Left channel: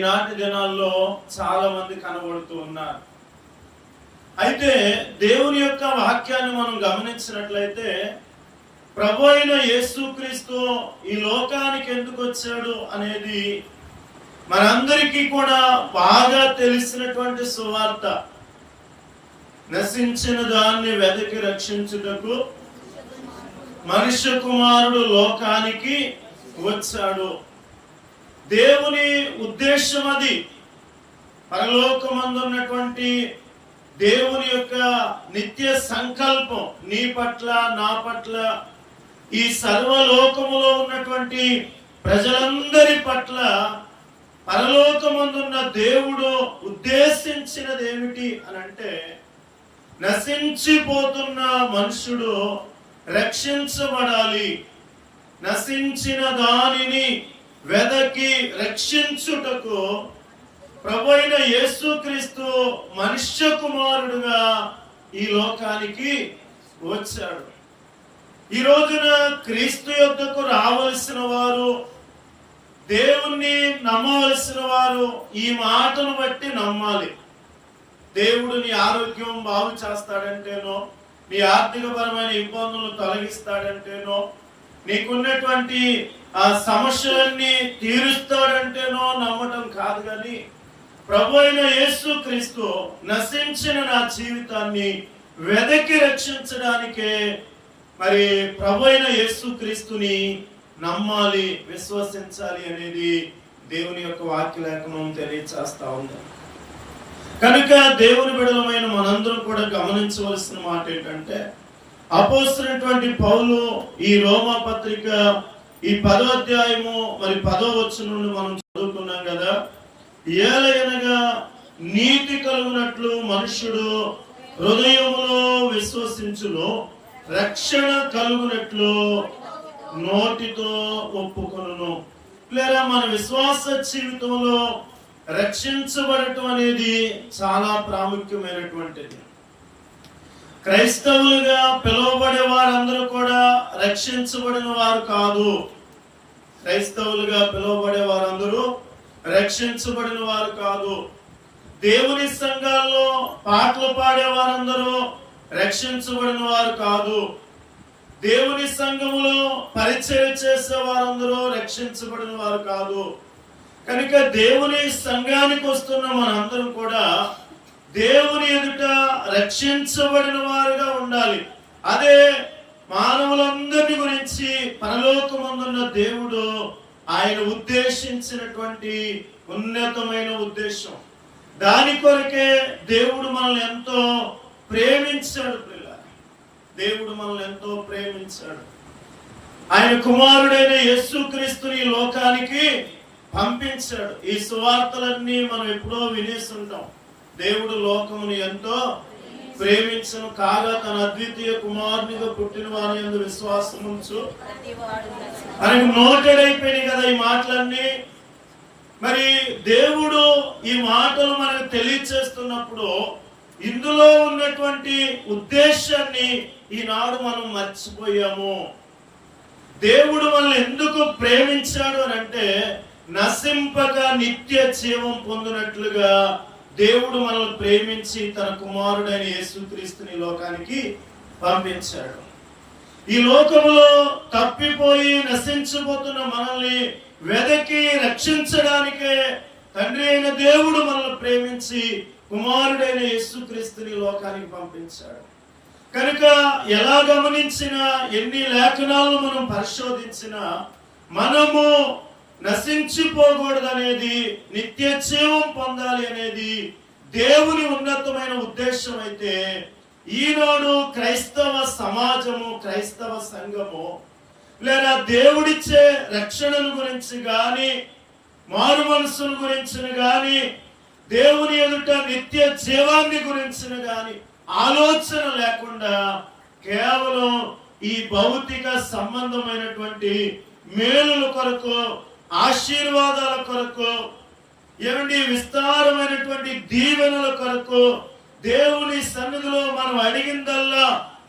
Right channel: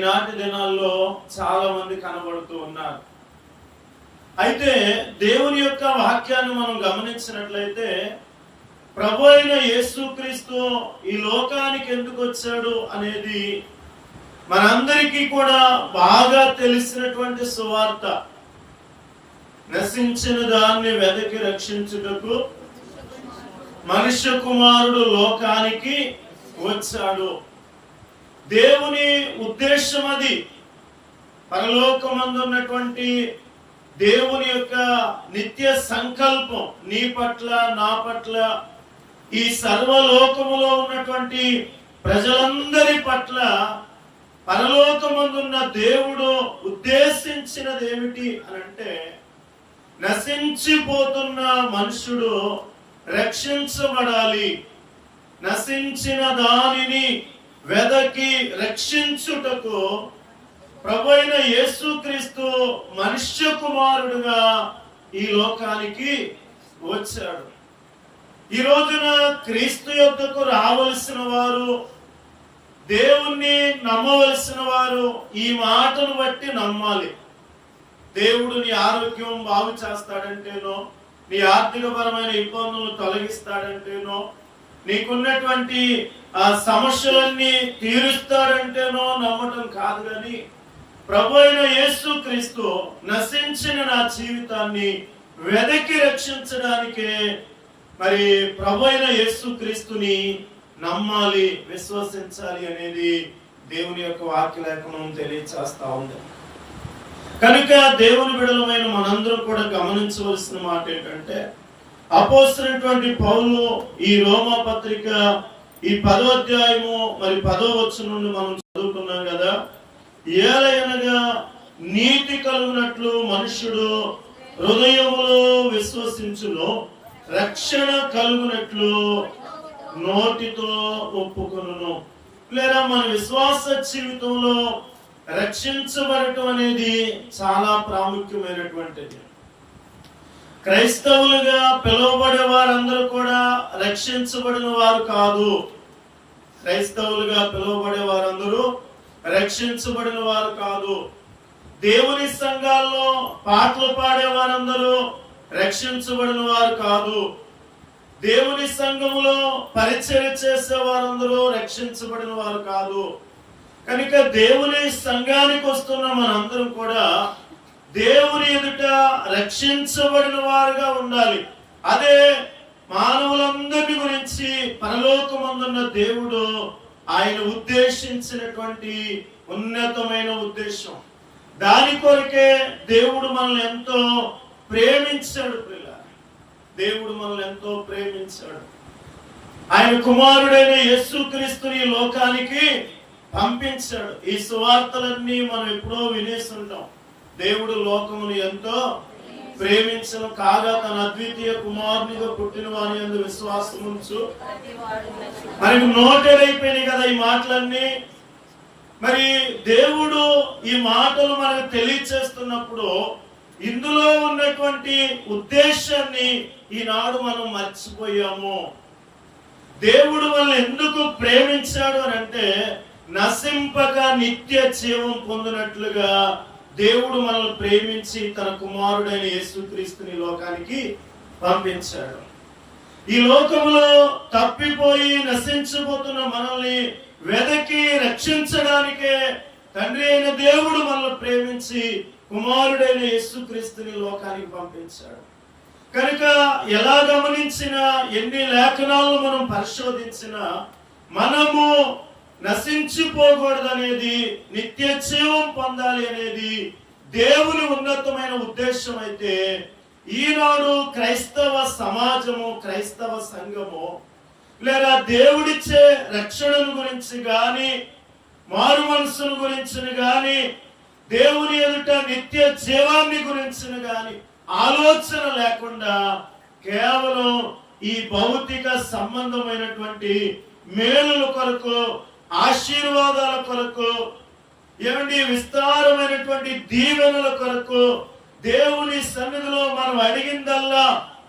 ఈనాటి దినాల్లో చాలా మంది కనబడుతూ ఉన్నారు. అయితే దేవుని యొక్క వాక్యాన్ని మనం గమనించినట్లయితే ప్రభు అయిన యేసుక్రీస్తు ఈ లోకానికి ఎందుకు వచ్చాడు అనేది మనందరికీ కూడా బాగా తెలిసినటువంటి సువార్త. నశించిన దాన్ని వెదకి రక్షించుటకు మనుష్య కుమారుడు లోకానికి వచ్చాడు. దేవుని ఉద్దేశం అది. పరలోకమందు ఉన్నటువంటి దేవుని యొక్క నిత్య సంకల్పం నీ పట్ల, నా పట్ల, ఈ సర్వలోకములో ఉన్నటువంటి ప్రజలందరి పట్ల పరలోకమందున్న దేవుడు ఉద్దేశించినది ఏమిటి అని అంటే, నశించిపోతున్న మనుషుడు రక్షించబడాలి. నశించిన దానిని వెదకి రక్షించుటకు ప్రభు అయిన యేసుక్రీస్తు మనుష్య కుమారుడుగా ఈ లోకానికి వచ్చాడు. ఈ రోజున క్రీస్తు యొద్దకు రావలసిన వారు, దేవుణ్ణి నమ్మవలసిన వారు ఈ మాటను బట్టి నమ్మాలి. దేవుడు నీ ఆరోగ్యం బాగు చేస్తాడంటేనో, నీ ఆర్థికపరమైన ఇబ్బందులను తొలగిస్తాడంటేనో, నీకున్నటువంటి ఆ సమస్యలన్నీ తీరుస్తాడంటేనో నమ్మటం కాదు. కానీ ప్రభు అయిన యేసుక్రీస్తు నశించిన నా జీవితాన్ని వెదకి రక్షించడానికే మరి ప్రభు అయిన యేసుక్రీస్తుని నమ్మాలి, విశ్వసించాలి అనేది దేవుని యొక్క వాక్య లేఖనం తెలియచేస్తా ఉంది. కనుక దేవుని బిడ్డలమైన మనందరం కూడా గమనించవలసిన మాట ఏంటంటే, అపోస్తలుడైనటువంటి పౌలు ఈ రోమా పత్రిక ఈ 10వ అధ్యాయము మరి 10వ వచనం నుండి మనం చదువుకున్నాం కదా. ఏలయనగా నీతి కలుగునట్లు మనుష్యుడు హృదయములో విశ్వసించును, రక్షణ కలుగునట్లు నోటితో ఒప్పుకొనును. లేదా మన విశ్వాస జీవితంలో రక్షించబడటం అనేది చాలా ప్రాముఖ్యమైనటువంటిది. క్రైస్తవులుగా పిలువబడే వారందరూ కూడా రక్షించబడిన వారు కాదు. క్రైస్తవులుగా పిలువబడే వారందరూ రక్షించబడిన వారు కాదు. దేవుని సంఘాల్లో పాటలు పాడే వారందరూ రక్షించబడిన వారు కాదు. దేవుని సంఘములో పరిచర్య చేసే వారందరూ రక్షించబడిన వారు కాదు. కనుక దేవుని సంఘానికి వస్తున్న మనందరం కూడా దేవుని ఎదుట రక్షించబడిన వారుగా ఉండాలి. అదే మానవులందరి గురించి పరలోకమందున్న దేవుడు ఆయన ఉద్దేశించినటువంటి ఉన్నతమైన ఉద్దేశం. దాని కొరకే దేవుడు మనల్ని ఎంతో ప్రేమించాడు. దేవుడు మనల్ని ఎంతో ప్రేమించాడు. ఆయన కుమారుడైన యేసుక్రీస్తుని లోకానికి పంపించాడు. ఈ సువార్తలన్నీ మనం ఎప్పుడో వినేస్తుంటాం. దేవుడు లోకమును ఎంతో ప్రేమించను కాగా తన అద్వితీయ కుమారునిగా పుట్టిన వారి యందు విశ్వాసం ఉంచు. మనకి నోటెడ్ అయిపోయినాయి కదా ఈ మాటలన్నీ. మరి దేవుడు ఈ మాటలు మనకు తెలియచేస్తున్నప్పుడు ఇందులో ఉన్నటువంటి ఉద్దేశాన్ని ఈనాడు మనం మర్చిపోయాము. దేవుడు మనల్ని ఎందుకు ప్రేమించాడు అని అంటే, నశింపక నిత్య జీవం పొందినట్లుగా దేవుడు మనల్ని ప్రేమించి తన కుమారుడైన యేసుక్రీస్తుని లోకానికి పంపించాడు. ఈ లోకములో తప్పిపోయి నశించబోతున్న మనల్ని వెదకి రక్షించడానికే తండ్రి అయిన దేవుడు మనల్ని ప్రేమించి కుమారుడైన యేసుక్రీస్తుని లోకానికి పంపించాడు. కనుక ఎలా గమనించినా, ఎన్ని లేఖనాలను మనం పరిశోధించినా, మనము నశించిపోకూడదనేది, నిత్య జీవం పొందాలి అనేది దేవుని ఉన్నతమైన ఉద్దేశం అయితే, ఈనాడు క్రైస్తవ సమాజము, క్రైస్తవ సంఘము లేదా దేవుడిచ్చే రక్షణను గురించి గాని, మారు మనసును గురించి గాని, దేవుని ఎదుట నిత్య జీవాన్ని గురించి గాని ఆలోచన లేకుండా కేవలం ఈ భౌతిక సంబంధమైనటువంటి మేలుల కొరకు, ఆశీర్వాదాల కొరకు, ఏమండి విస్తారమైనటువంటి దీవెనల కొరకు దేవుని సన్నిధిలో మనం అడిగిందల్లా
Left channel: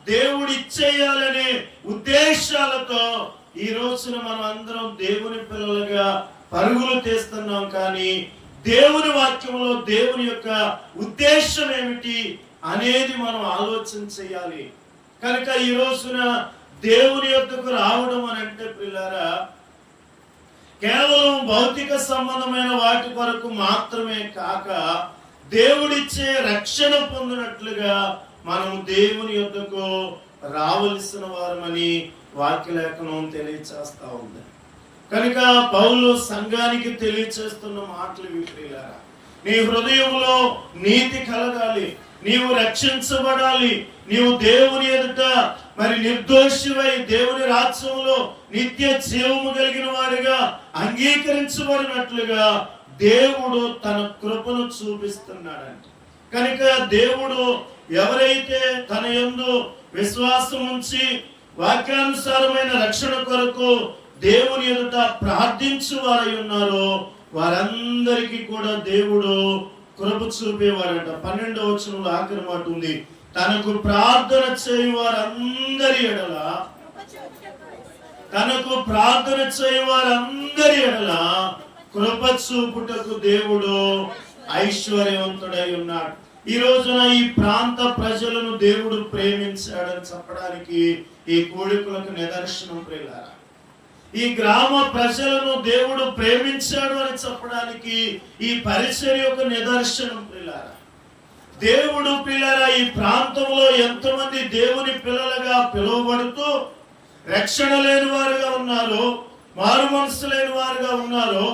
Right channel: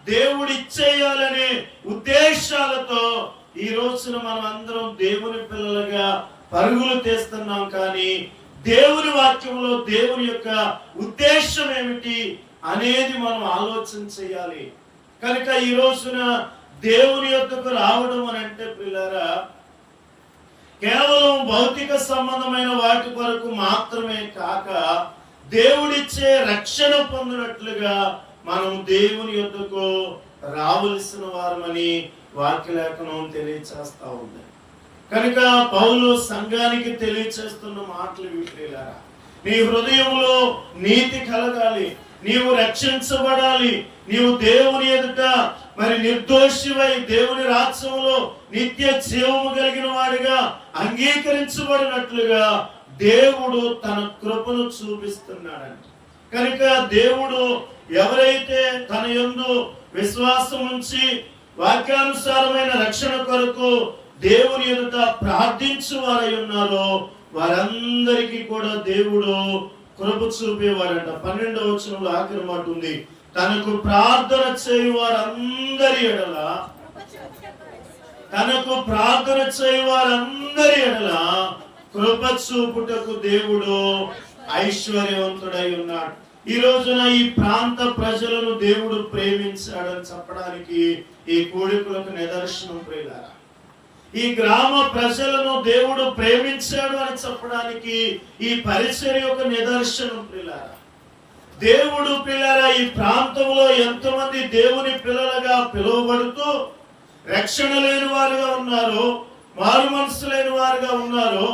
దేవుడు ఇచ్చేయాలనే ఉద్దేశాలతో ఈ రోజున మనం అందరం దేవుని పిల్లలుగా పరుగులు తీస్తున్నాం. కానీ దేవుని వాక్యంలో దేవుని యొక్క ఉద్దేశం ఏమిటి అనేది మనం ఆలోచన చేయాలి. కనుక ఈ రోజున దేవుని యొద్దకు రావడం అని అంటే ప్రియులారా, కేవలం భౌతిక సంబంధమైన వాటి కొరకు మాత్రమే కాక దేవుడిచ్చే రక్షణ పొందినట్లుగా మనం దేవుని యొద్దకు రావలసిన వారమని వాక్యలేఖనం తెలియచేస్తా ఉంది. కనుక పౌలు సంఘానికి తెలియచేస్తున్న మాటలు ప్రియులారా, నీ హృదయంలో నీతి కలగాలి, నీవు రక్షించబడాలి, నీవు దేవుని ఎదుట మరి నిర్దోషివై దేవుని రాజ్యంలో నిత్య జీవము కలిగిన వాడిగా అంగీకరించబడినట్లుగా దేవుడు తన కృపను చూపిస్తున్నాడంట. కనుక దేవుడు ఎవరైతే తన యందు విశ్వాసం ఉంచి వాక్యానుసారమైన రక్షణ కొరకు దేవుని ఎదుట ప్రార్థించు వారై ఉన్నారో వారందరికీ కూడా దేవుడు కృప చూపేవాడంట. 12వ వచనంలో ఆఖరి మాట ఉంది, తనకు ప్రార్థన చేయు వారందరి ఎడల, తనకు ప్రార్థన చేయు వారందరి ఎడల కృప చూపుటకు దేవుడు ఐశ్వర్యవంతుడై ఉన్నాడు. ఈ రోజున ఈ ప్రాంత ప్రజలను దేవుడు ప్రేమించాడని చెప్పడానికి ఈ కూడికలకు నిదర్శనం ప్రియులారా. ఈ గ్రామ ప్రజలను దేవుడు ప్రేమించాడు అని చెప్పడానికి ఈ పరిచర్య యొక్క నిదర్శనం ప్రియులారా. దేవుడు పిల్లరా ఈ ప్రాంతంలో ఎంతమంది దేవుని పిల్లలుగా పిలువబడుతూ రక్షణ లేని వారుగా ఉన్నారు, మారు మనసు లేని వారుగా ఉన్నారు,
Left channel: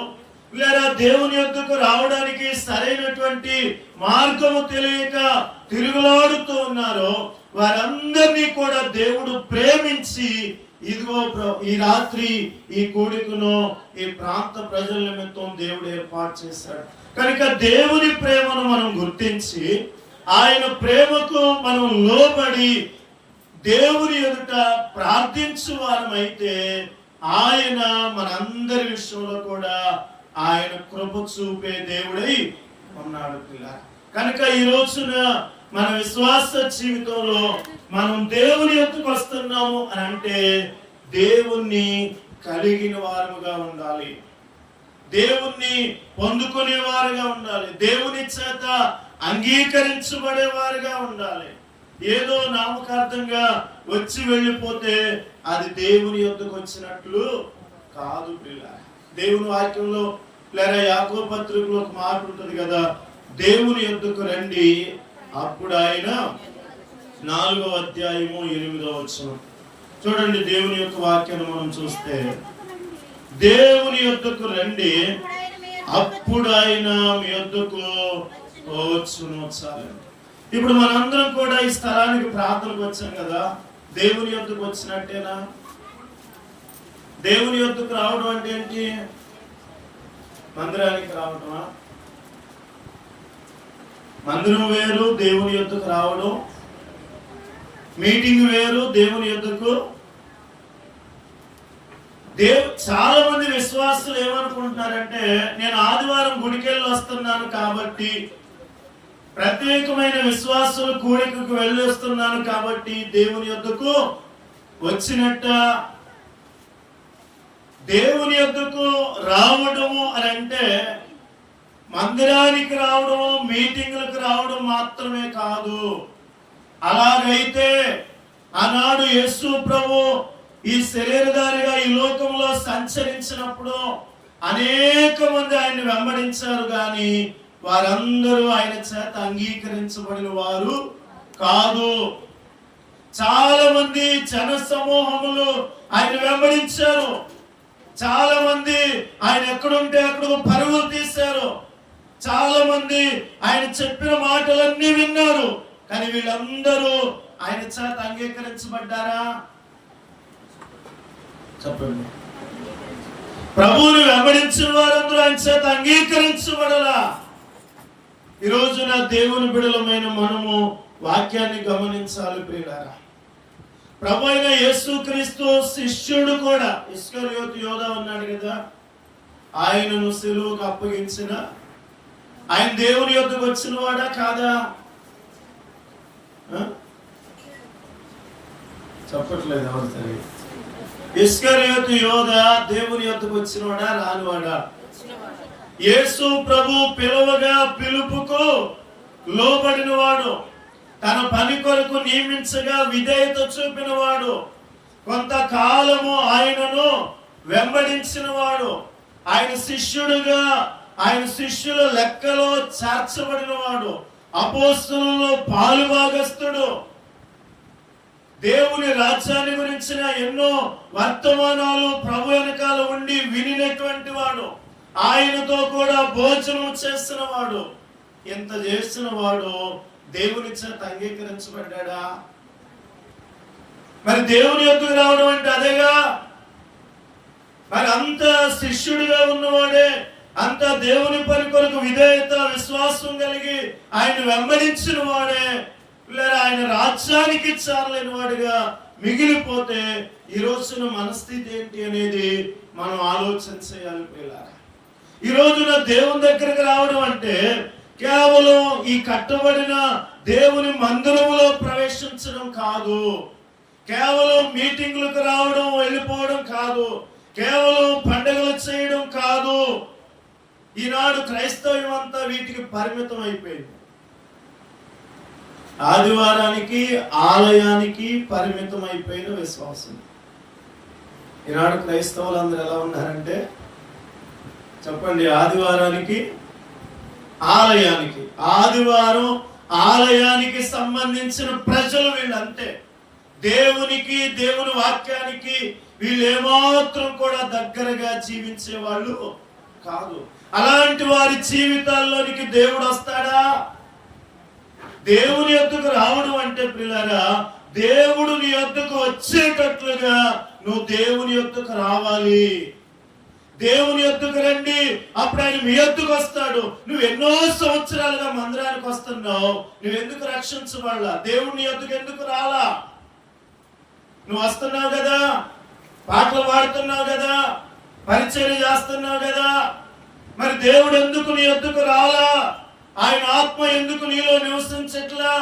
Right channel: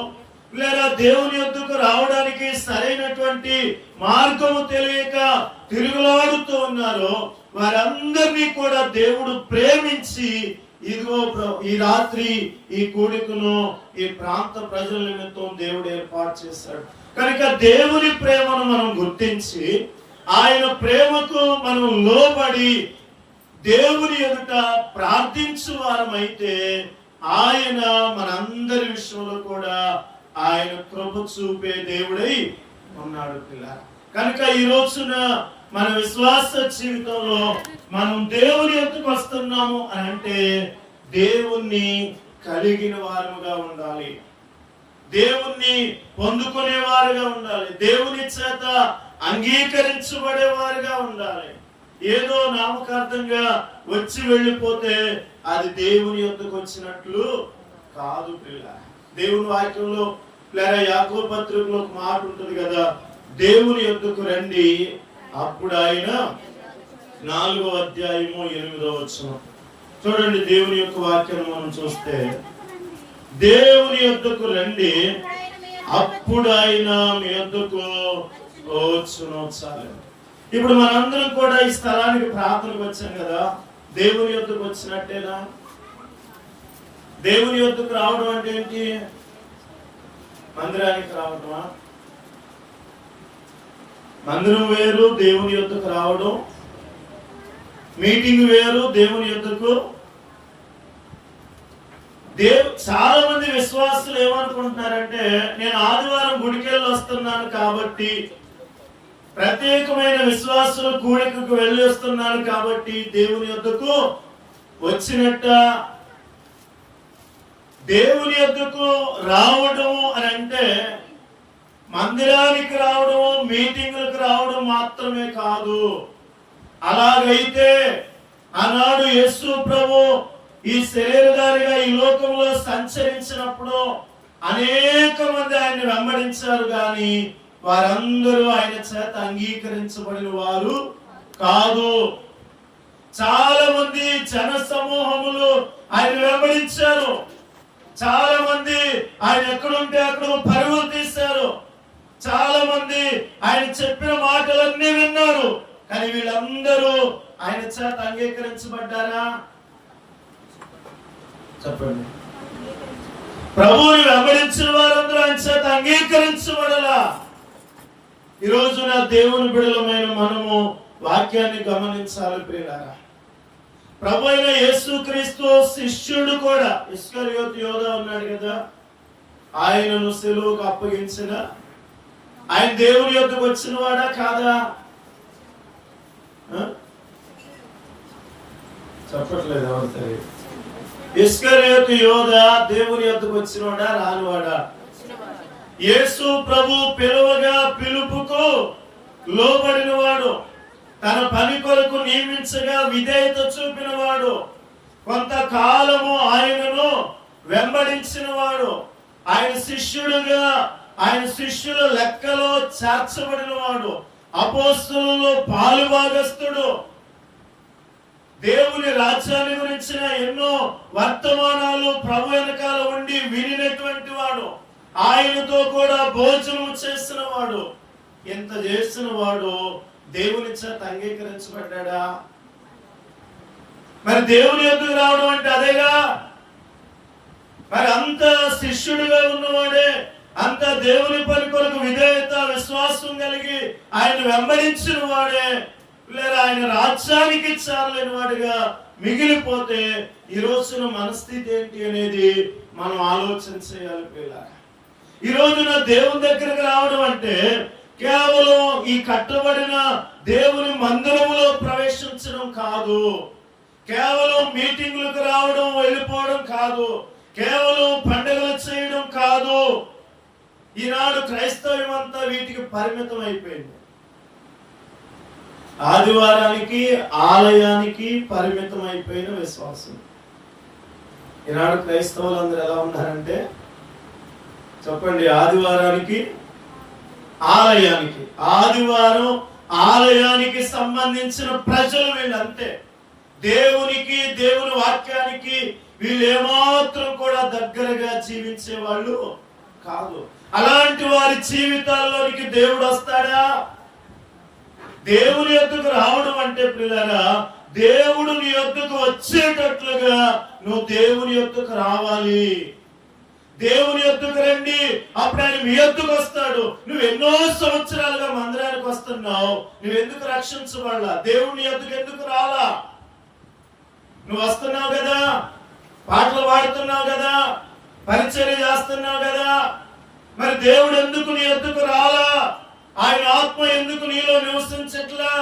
లేదా దేవుని యొద్దకు రావడానికి సరైనటువంటి మార్గము తెలియక తిరుగులాడుతూ ఉన్నారు, వారందరినీ కూడా దేవుడు ప్రేమించి ఇదిగో ఈ రాత్రి ఈ కూడికను ఈ ప్రాంత ప్రజల నిమిత్తం దేవుడు ఏర్పాటు చేశాడు. కనుక దేవుని ప్రేమను మనం గుర్తించి ఆయన ప్రేమకు మనం లోబడి దేవుని ఎదుట ప్రార్థించు వారమైతే ఆయన మనందరి విషయంలో కూడా ఆయన కృప చూపే దేవుడై ఉన్నాడు పిల్లలు. కనుక ఈ రోజున మన విశ్వాస జీవితంలో మనం దేవుని యొద్దకు వస్తున్నాము అని అంటే దేవుణ్ణి కలిగిన వారుగా ఉండాలి, దేవుణ్ణి పొందుకునే వారుగా ఉండాలి, దేవుని చేత అంగీకరించబడే వారుగా ఉండాలి. ఏదో నామకార్థంగా వచ్చి వెళ్ళిపోతే అది దేవుని యొద్దకు వచ్చినట్లు కాదు ప్రియులారా. దేవుని వాక్యంలో లేదా యాకోబు పత్రికలో ఒక మాట ఉంటుంది కదా, దేవుని యొద్దకు రండి అప్పుడు ఆయన 4వ అధ్యాయము 8వ వచనం చూడండి. దేవుని యొక్క వాక్యాన్ని మనం చూస్తే, దేవుని యొద్దకు రండి అప్పుడు ఆయన మీ యొద్దకు వచ్చును. చాలు. ఇప్పుడు మనందరం కూడా ఈ స్థలానికి ప్రార్థనకు వచ్చాం కదా, దేవుని యొద్దకు వచ్చినట్టేనా? దేవుని యొద్దకు రావడం అంటే ఏంటి? మందిరానికి రావటమా? మందిరం వేరు, దేవుని యొద్దకు రావడం. మీటింగ్ వేరు, దేవుని యొద్దకు. చాలా మంది విశ్వాసులు ఏమనుకుంటున్నారంటే, నేను ఆదివారం గుడికెళ్ళి వస్తున్నాను కాబట్టి, ప్రత్యేకమైన విశ్వాసులు కూడికకు వెళ్ళి వస్తున్నాను కాబట్టి దేవుని యొద్దకు వచ్చినట్ట. దేవుని యొద్దకు రావడము అని అంటే మందిరానికి రావడం, మీటింగులకు రావడం మాత్రమే కాదు. అలాగైతే ఆనాడు యేసు ప్రభు ఈ శరీరధారిగా ఈ లోకంలో సంచరించినప్పుడు అనేక మంది ఆయన్ని వెంబడించారు, కానీ వారందరూ ఆయన చేత అంగీకరించబడిన వారు కాదు. చాలా మంది జన సమూహములు ఆయన వెంబడించారు, చాలా మంది ఆయన ఎక్కడుంటే అక్కడ పరుగులు తీశారు, చాలా మంది ఆయన చెప్పిన మాటలన్నీ విన్నారు, కానీ వీళ్ళందరూ ఆయన చేత అంగీకరించబడ్డారా? చెప్పండి. ప్రభువుని వెంబడించిన వారందరూ ఆయన చేత అంగీకరించబడలా. ఈ రోజున దేవుని బిడ్డలమైన మనము వాక్యాన్ని గమనించాలి ప్రియులారా. ప్రభు అయిన యేసుక్రీస్తు శిష్యుడు కూడా, ఇస్కరియోతు యోధా ఉన్నాడు కదా, ఆయనను సిలువకు అప్పగించిన ఆయన దేవుని యొద్దకు వచ్చిన వాడా కాదా? చెప్పట్లేదు ఎవరు తెలియదు. ఇస్కరియోతు యోధా దేవుని యొద్దకు వచ్చినవాడా రానివాడా? యేసు ప్రభు పిలువగా పిలుపుకు లోబడిన వాడు, తన పని కొరకు నియమించగా విధేయత చూపిన వాడు, కొంతకాలము ఆయనను వెంబడించిన వాడు, ఆయన శిష్యుడుగా ఆయన శిష్యుల లెక్కలో చేర్చబడిన వాడు, అపోస్తలులలో పాలుభాగస్తుడు, దేవుని రాజ్యాన్ని గురించిన ఎన్నో వర్తమానాలు ప్రభు వెనకాల ఉండి వినినటువంటి వాడు, ఆయనతో కూడా భోజనం చేసిన వాడు, ఎంత చేసిన వాడు దేవుని చేత అంగీకరించబడ్డా? మరి దేవుని యొద్దకు రావడం అంటే అదేగా. మరి అంత శిష్యుడిగా ఉన్నవాడే, అంత దేవుని పని కొరకు విధేయత విశ్వాసం కలిగి ఆయన వెంబడించిన వాడే, లేదా ఆయన రాజ్యానికి చాలలేని వాడిగా మిగిలిపోతే ఈ రోజున మనస్థితి ఏంటి అనేది మనం ఆలోచన చేయాలి పిల్లలు. ఈ రోజున దేవుని దగ్గరకు రావడం అంటే కేవలం ఈ కట్టబడిన దేవుని మందిరములో ప్రవేశించడం కాదు, కేవలం మీటింగ్లకు రావడం వెళ్ళిపోవడం కాదు, కేవలం పండుగలు చేయడం కాదు. ఈనాడు క్రైస్తవం అంతా వీటికి పరిమితం అయిపోయింది. ఆదివారానికి ఆలయానికి పరిమితం అయిపోయిన విశ్వాసం. ఈనాడు క్రైస్తవులు అందరూ ఎలా ఉన్నారంటే చెప్పండి, ఆదివారానికి ఆలయానికి, ఆదివారం ఆలయానికి సంబంధించిన ప్రజలు వీళ్ళంతే. దేవునికి దేవుని వాక్యానికి వీళ్ళు ఏమాత్రం కూడా దగ్గరగా జీవించే వాళ్ళు కాదు. అలాంటి వారి జీవితాల్లోనికి దేవుడు వస్తాడా? దేవుని యొద్దకు రావడం అంటే ప్రియులారా, దేవుడు నీ యొద్దకు వచ్చేటట్లుగా నువ్వు దేవుని యొద్దకు రావాలి. దేవుని యొద్దకు రండి, అప్పుడు ఆయన మీ యొద్దకు వస్తాడు. నువ్వు ఎన్నో సంవత్సరాలుగా మందిరానికి వస్తున్నావు, నువ్వెందుకు రక్షించబడలా? దేవుని యొద్దకు ఎందుకు రాలా? నువ్వు వస్తున్నావు కదా, పాటలు పాడుతున్నావు కదా, పరిచర్య చేస్తున్నావు కదా, మరి దేవుడు ఎందుకు నీ యొద్దకు రాలా? ఆయన ఆత్మ ఎందుకు నీలో నివసించట్లా?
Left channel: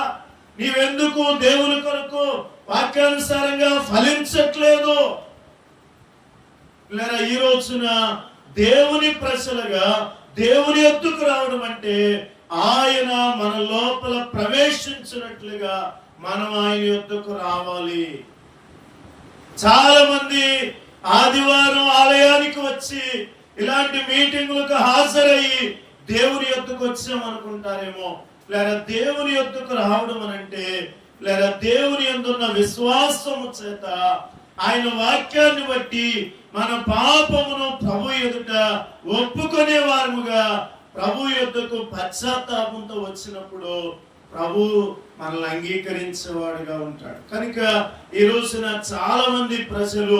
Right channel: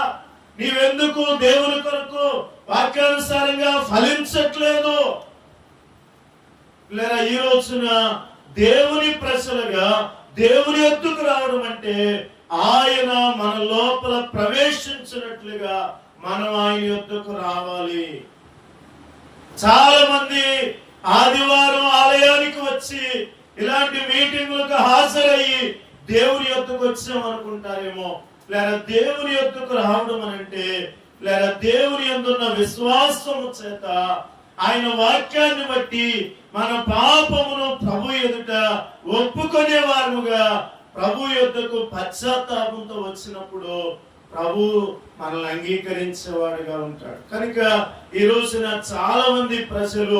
నీవెందుకు దేవుని కొరకు వాక్యానుసారంగా ఫలించట్లేదు? లేదా ఈ రోజున దేవుని ప్రజలుగా దేవుని యొద్దకు రావడం అంటే ఆయన మన లోపల ప్రవేశించినట్లుగా మనం ఆయన యొద్దకు రావాలి. చాలా మంది ఆదివారం ఆలయానికి వచ్చి ఇలాంటి మీటింగులకు హాజరయ్యి దేవుని యొద్దకు వచ్చాం అనుకుంటారేమో. లేదా దేవుని యొద్దకు రావడం అనంటే, లేదా దేవుని యందున్న విశ్వాసము చేత ఆయన వాక్యాన్ని బట్టి మన పాపమును ప్రభు ఎదుట ఒప్పుకునే వారముగా ప్రభు యొద్దకు పశ్చాత్తాపంతో వచ్చినప్పుడు ప్రభు మనల్ని అంగీకరించేవాడుగా ఉంటాడు. కనుక ఈ రోజున చాలా మంది ప్రజలు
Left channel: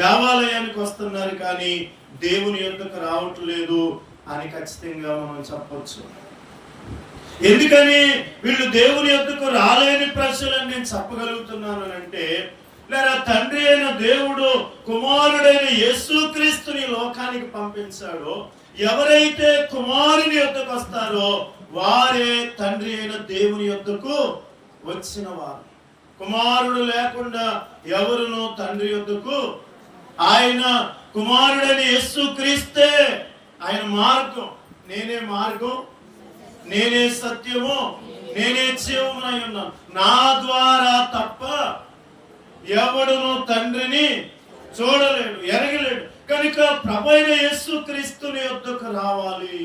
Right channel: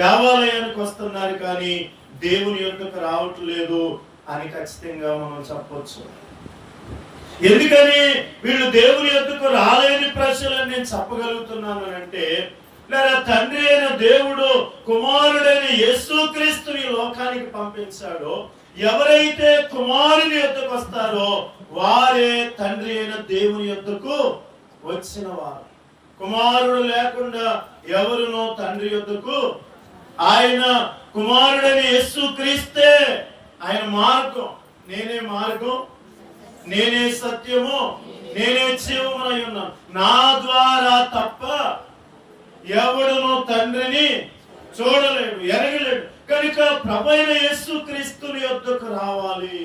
దేవాలయానికి వస్తున్నారు కానీ దేవుని యొద్దకు రావట్లేదు అని ఖచ్చితంగా మనం చెప్పొచ్చు. ఎందుకని వీళ్ళు దేవుని యొద్దకు రాలేని ప్రజలని నేను చెప్పగలుగుతున్నాను అంటే, లేదా తండ్రి అయిన దేవుడు కుమారుడైన యేసుక్రీస్తుని లోకానికి పంపించాడో, ఎవరైతే కుమారుని యొద్దకు వస్తారో వారే తండ్రి అయిన దేవుని యొద్దకు వచ్చిన వారు. కుమారుడు లేకుండా ఎవరునో తండ్రి యొద్దకు, ఆయన కుమారుడైన యేసుక్రీస్తే ఆయన మార్గం. నేనే మార్గం, నేనే సత్యము, నేనే జీవమునై ఉన్నాను. నా ద్వారా తప్ప ఎవడును తండ్రిని చూడలేడు, ఎరగలేడు. కనుక ప్రభువైన యేసుక్రీస్తుని యొద్దకు రావాలి.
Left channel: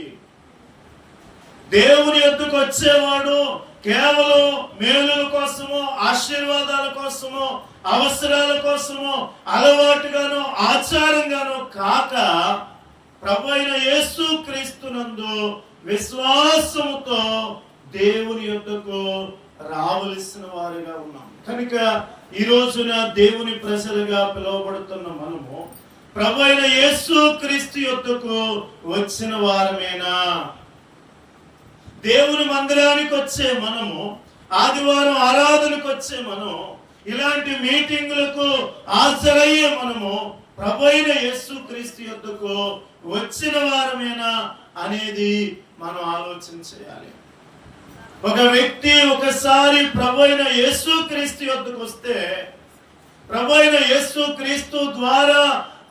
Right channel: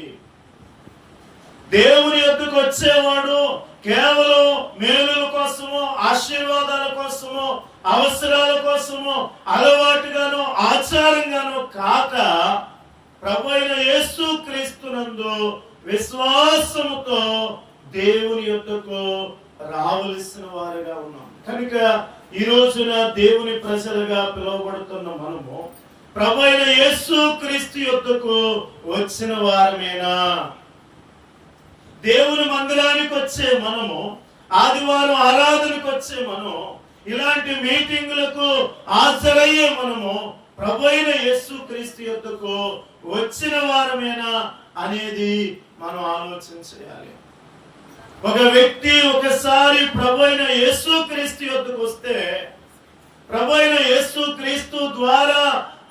దేవుని యొద్దకు వచ్చేవాడు కేవలం మేలుల కోసమో, ఆశీర్వాదాల కోసమో, అవసరాల కోసమో, అలవాటుగానో ఆచారంగానో కాక ప్రభువైన యేసుక్రీస్తునందు విశ్వాసముతో దేవుని యొద్దకు రావలసిన వారుగా ఉన్నాం. కనుక ఈ రోజున దేవుని ప్రజలుగా పిలువబడుతున్న మనము ప్రభువైన యేసుక్రీస్తు యొద్దకు వచ్చిన వారమేనా? దేవుని మందిరానికి వచ్చే మనము, ఆదివారం ఆరాధనకు వచ్చే మనం, ఇలాంటి మీటింగులకు హాజరయ్యే మనము ప్రభువైన యేసుక్రీస్తు యొద్దకు వచ్చిన వారమేనా అనేది మనం ఆలోచన చేయాలి. ఒక వ్యక్తి ఒకసారి ప్రభువైన యేసుక్రీస్తు యొద్దకు వస్తే, ప్రభువైన యేసుక్రీస్తు ద్వారా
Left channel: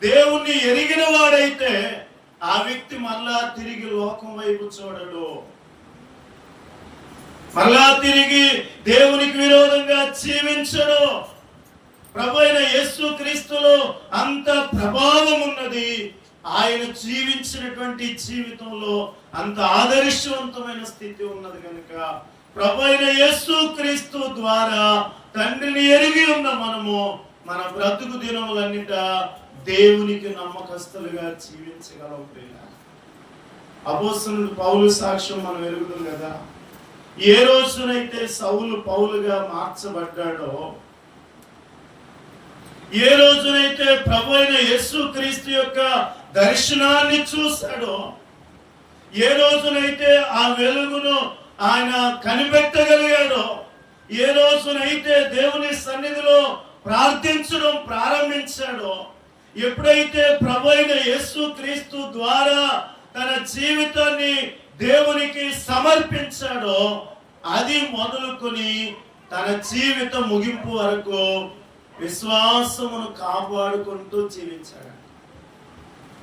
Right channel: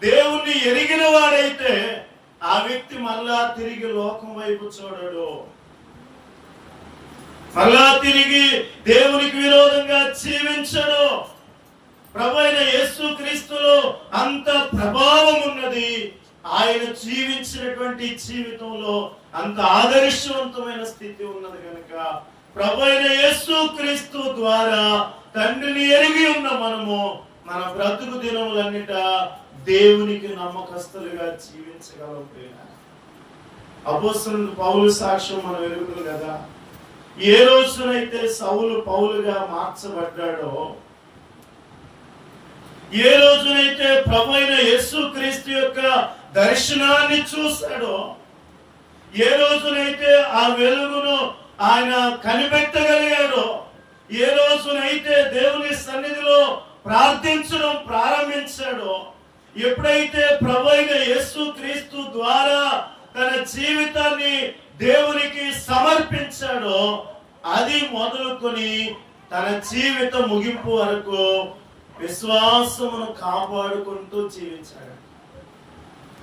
దేవుణ్ణి ఎరిగిన వాడైతే, ఆ వ్యక్తి మరలా తిరిగి లోకం వైపు చూడడు, మరలా తిరిగి దేవునికి విరోధంగా జీవించడు. ప్రభువైన యేసుక్రీస్తులో అంత ప్రభావం ఉన్నది. ఆయన జీవించినటువంటి జీవితంలో అంత ఆదర్శవంతమైన స్థితి ఉన్నది కనుక ప్రభువైన యేసుక్రీస్తు ద్వారా తండ్రిని ఎరిగి ఉన్న మనము మన బ్రతుకు దినములన్నిట దేవునికి నమ్మకస్తులుగా జీవించగలం. అపోస్తలుడు పౌలు సాక్ష్యం మనం ఎరుగుతాం కదా. ఏ రోజునైతే సౌలు పౌలుగా మార్చబడ్డాడో, ఏ రోజునైతే ప్రభువైన యేసుక్రీస్తు యొక్క దర్శనాన్ని చూశాడో, ఏ రోజునైతే ఆ వెలుగును ఆయన కనిపెట్టగలిగాడో, ఏ రోజునైతే దేవుని సన్నిధిలో ప్రార్థించడం ప్రారంభించాడో, ఎప్పుడైతే ప్రభువైన యేసుక్రీస్తు ద్వారా తన జీవితాన్ని దేవునికి సమర్పించాడో, అది మొదలుకొని తన జీవిత ముగింపు వరకు విశ్వాసమును కాపాడుకుంటూ జీవించాడు.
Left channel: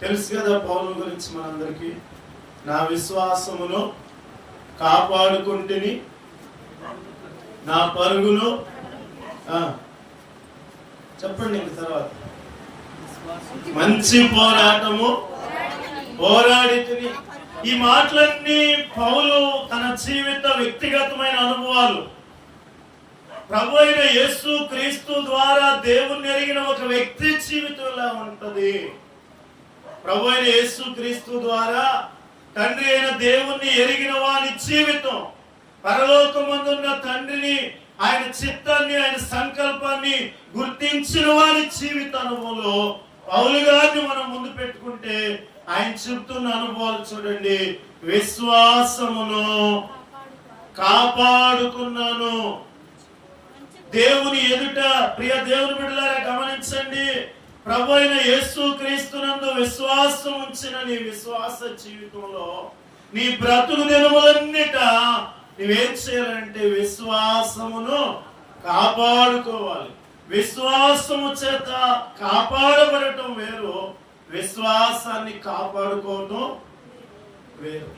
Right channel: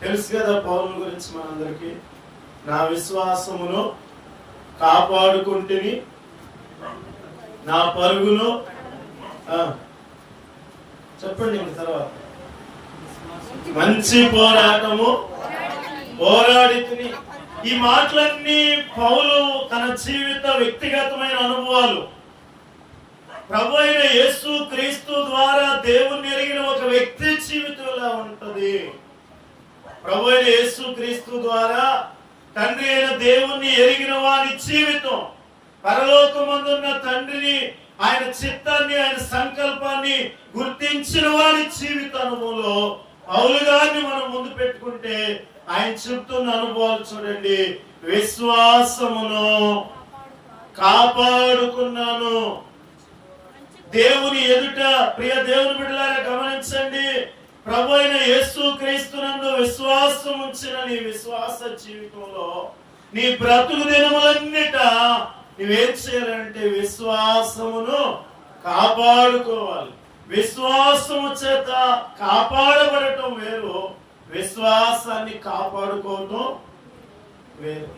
తెలుసు కదా పౌలు గురించి మనందరికీ, నా విశ్వాసమును కాపాడుకుంటుని నా పరుగును చెప్పండి ఇంక తర్వాత, మంచి పోరాటము పోరాడితిని. ఈ మాటలన్నీ పౌలు తన జీవిత వ్యక్తిగతమైన అనుభవాలు. ప్రభువైన యేసుక్రీస్తు ద్వారా దేవుణ్ణి ఎరిగిన ఒక వ్యక్తి జీవితంలో ఉంటది. ప్రభువైన యేసుక్రీస్తు ద్వారా తండ్రి అయిన దేవుణ్ణి ఎరిగిన వారి జీవితం, పరలోకమందున్న తండ్రిని, ఆయన చిత్తాన్ని, ఆయన సంకల్పాన్ని గుర్తించిన వారి జీవిత అనుభవంలో పౌలు గారిని మనం ముందు పెట్టుకుంటే ఆయన చెప్తున్న అనుభవాలు చూడండి. విశ్వాసమును కాపాడుకున్నాను. దేవుని ఎదుట ప్రియ దేవుని బిడ్డలారా గమనించండి, ప్రభువైన యేసుక్రీస్తునందు విశ్వాసం ఉంచిన నీ విశ్వాస జీవితంలో నీ బ్రతుకు దినములన్నిట నువ్వేం చేయాలంటే విశ్వాసమును కాపాడుకోవాలి. విశ్వాసము చేత కాపాడబడటం వేరు, విశ్వాసాన్ని కాపాడుకోవటం వేరు.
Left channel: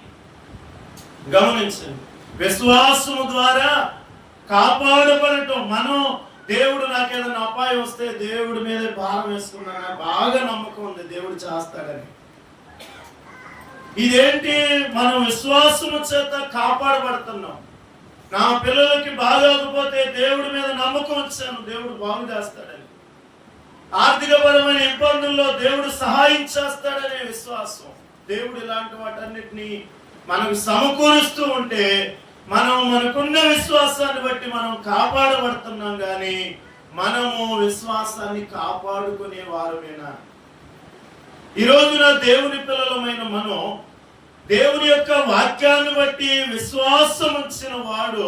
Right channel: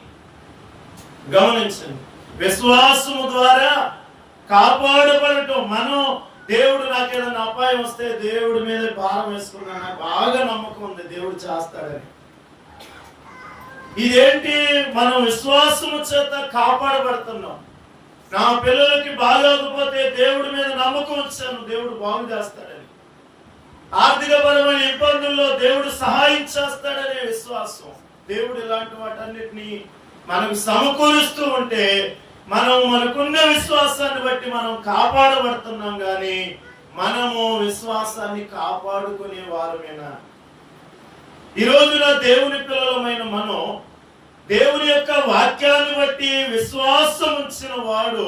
గమనించండి, విశ్వాసము ద్వారా కాపాడబడటం. మనం దేవుడు నాకు ఏదైనా అపాయం వస్తే దేవుడి మీద భారం వేసుకున్నాను, బాగా నమ్మకం ఉంది దేవుడు చేస్తాడని. ఇదేంటి, మనం విశ్వాసము చేత కాపాడబడుతున్నాం. నా పిల్లలకి బాగోకపోతే దేవుడి మీద నమ్మకం వచ్చాను, దేవుడు బాగు చేస్తాడని. ఆర్థికపరమైన ఇబ్బందుల్లో దేవుడు సహాయం చేస్తాడనే విశ్వాసం. దేవుడు ఇలాంటి వాటన్నిటిని మనకు సమకూరుస్తూ ఉంటే మనం మనకున్న విశ్వాసాన్ని బట్టి మనం కాపాడబడుతున్నాం, కానీ మనము విశ్వాసాన్ని కాపాడుకునే వారమేనా? ఈ రోజున దేవుని పిల్లలమైన మనం దేవుని యొక్క వాక్యాన్ని బట్టి విశ్వాసం ఉంచిన వాడు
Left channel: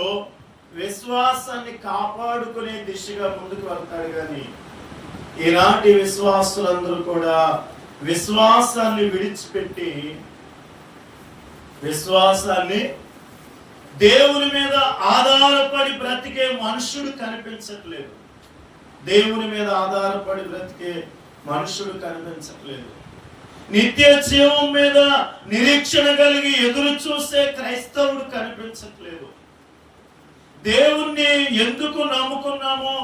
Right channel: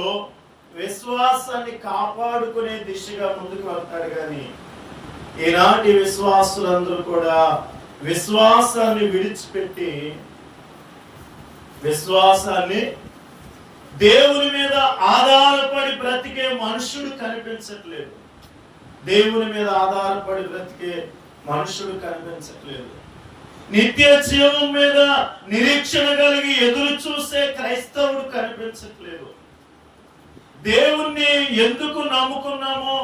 విశ్వాసాన్ని కాపాడుకునే దిశగా ముందుకు వెళ్తాడు. కానీ ఈనాటి విశ్వాసులందరూ కూడా విశ్వాసాన్ని విడిచిపెట్టి విశ్వాసాన్ని దేవుని మీద ఆధారపడి బ్రతికే మనుషుడు కనిపించట్లేదు. దేవుని మీద ఆధారపడి బ్రతికే మనుషుడు కనిపించట్లేదు. నిత్య జీవం మీద నిరీక్షణ కలిగి ఎదురు చూసే క్రైస్తవుడు కనిపించట్లేదు. దేవుణ్ణి ఎందుకు నమ్ముకున్నామో,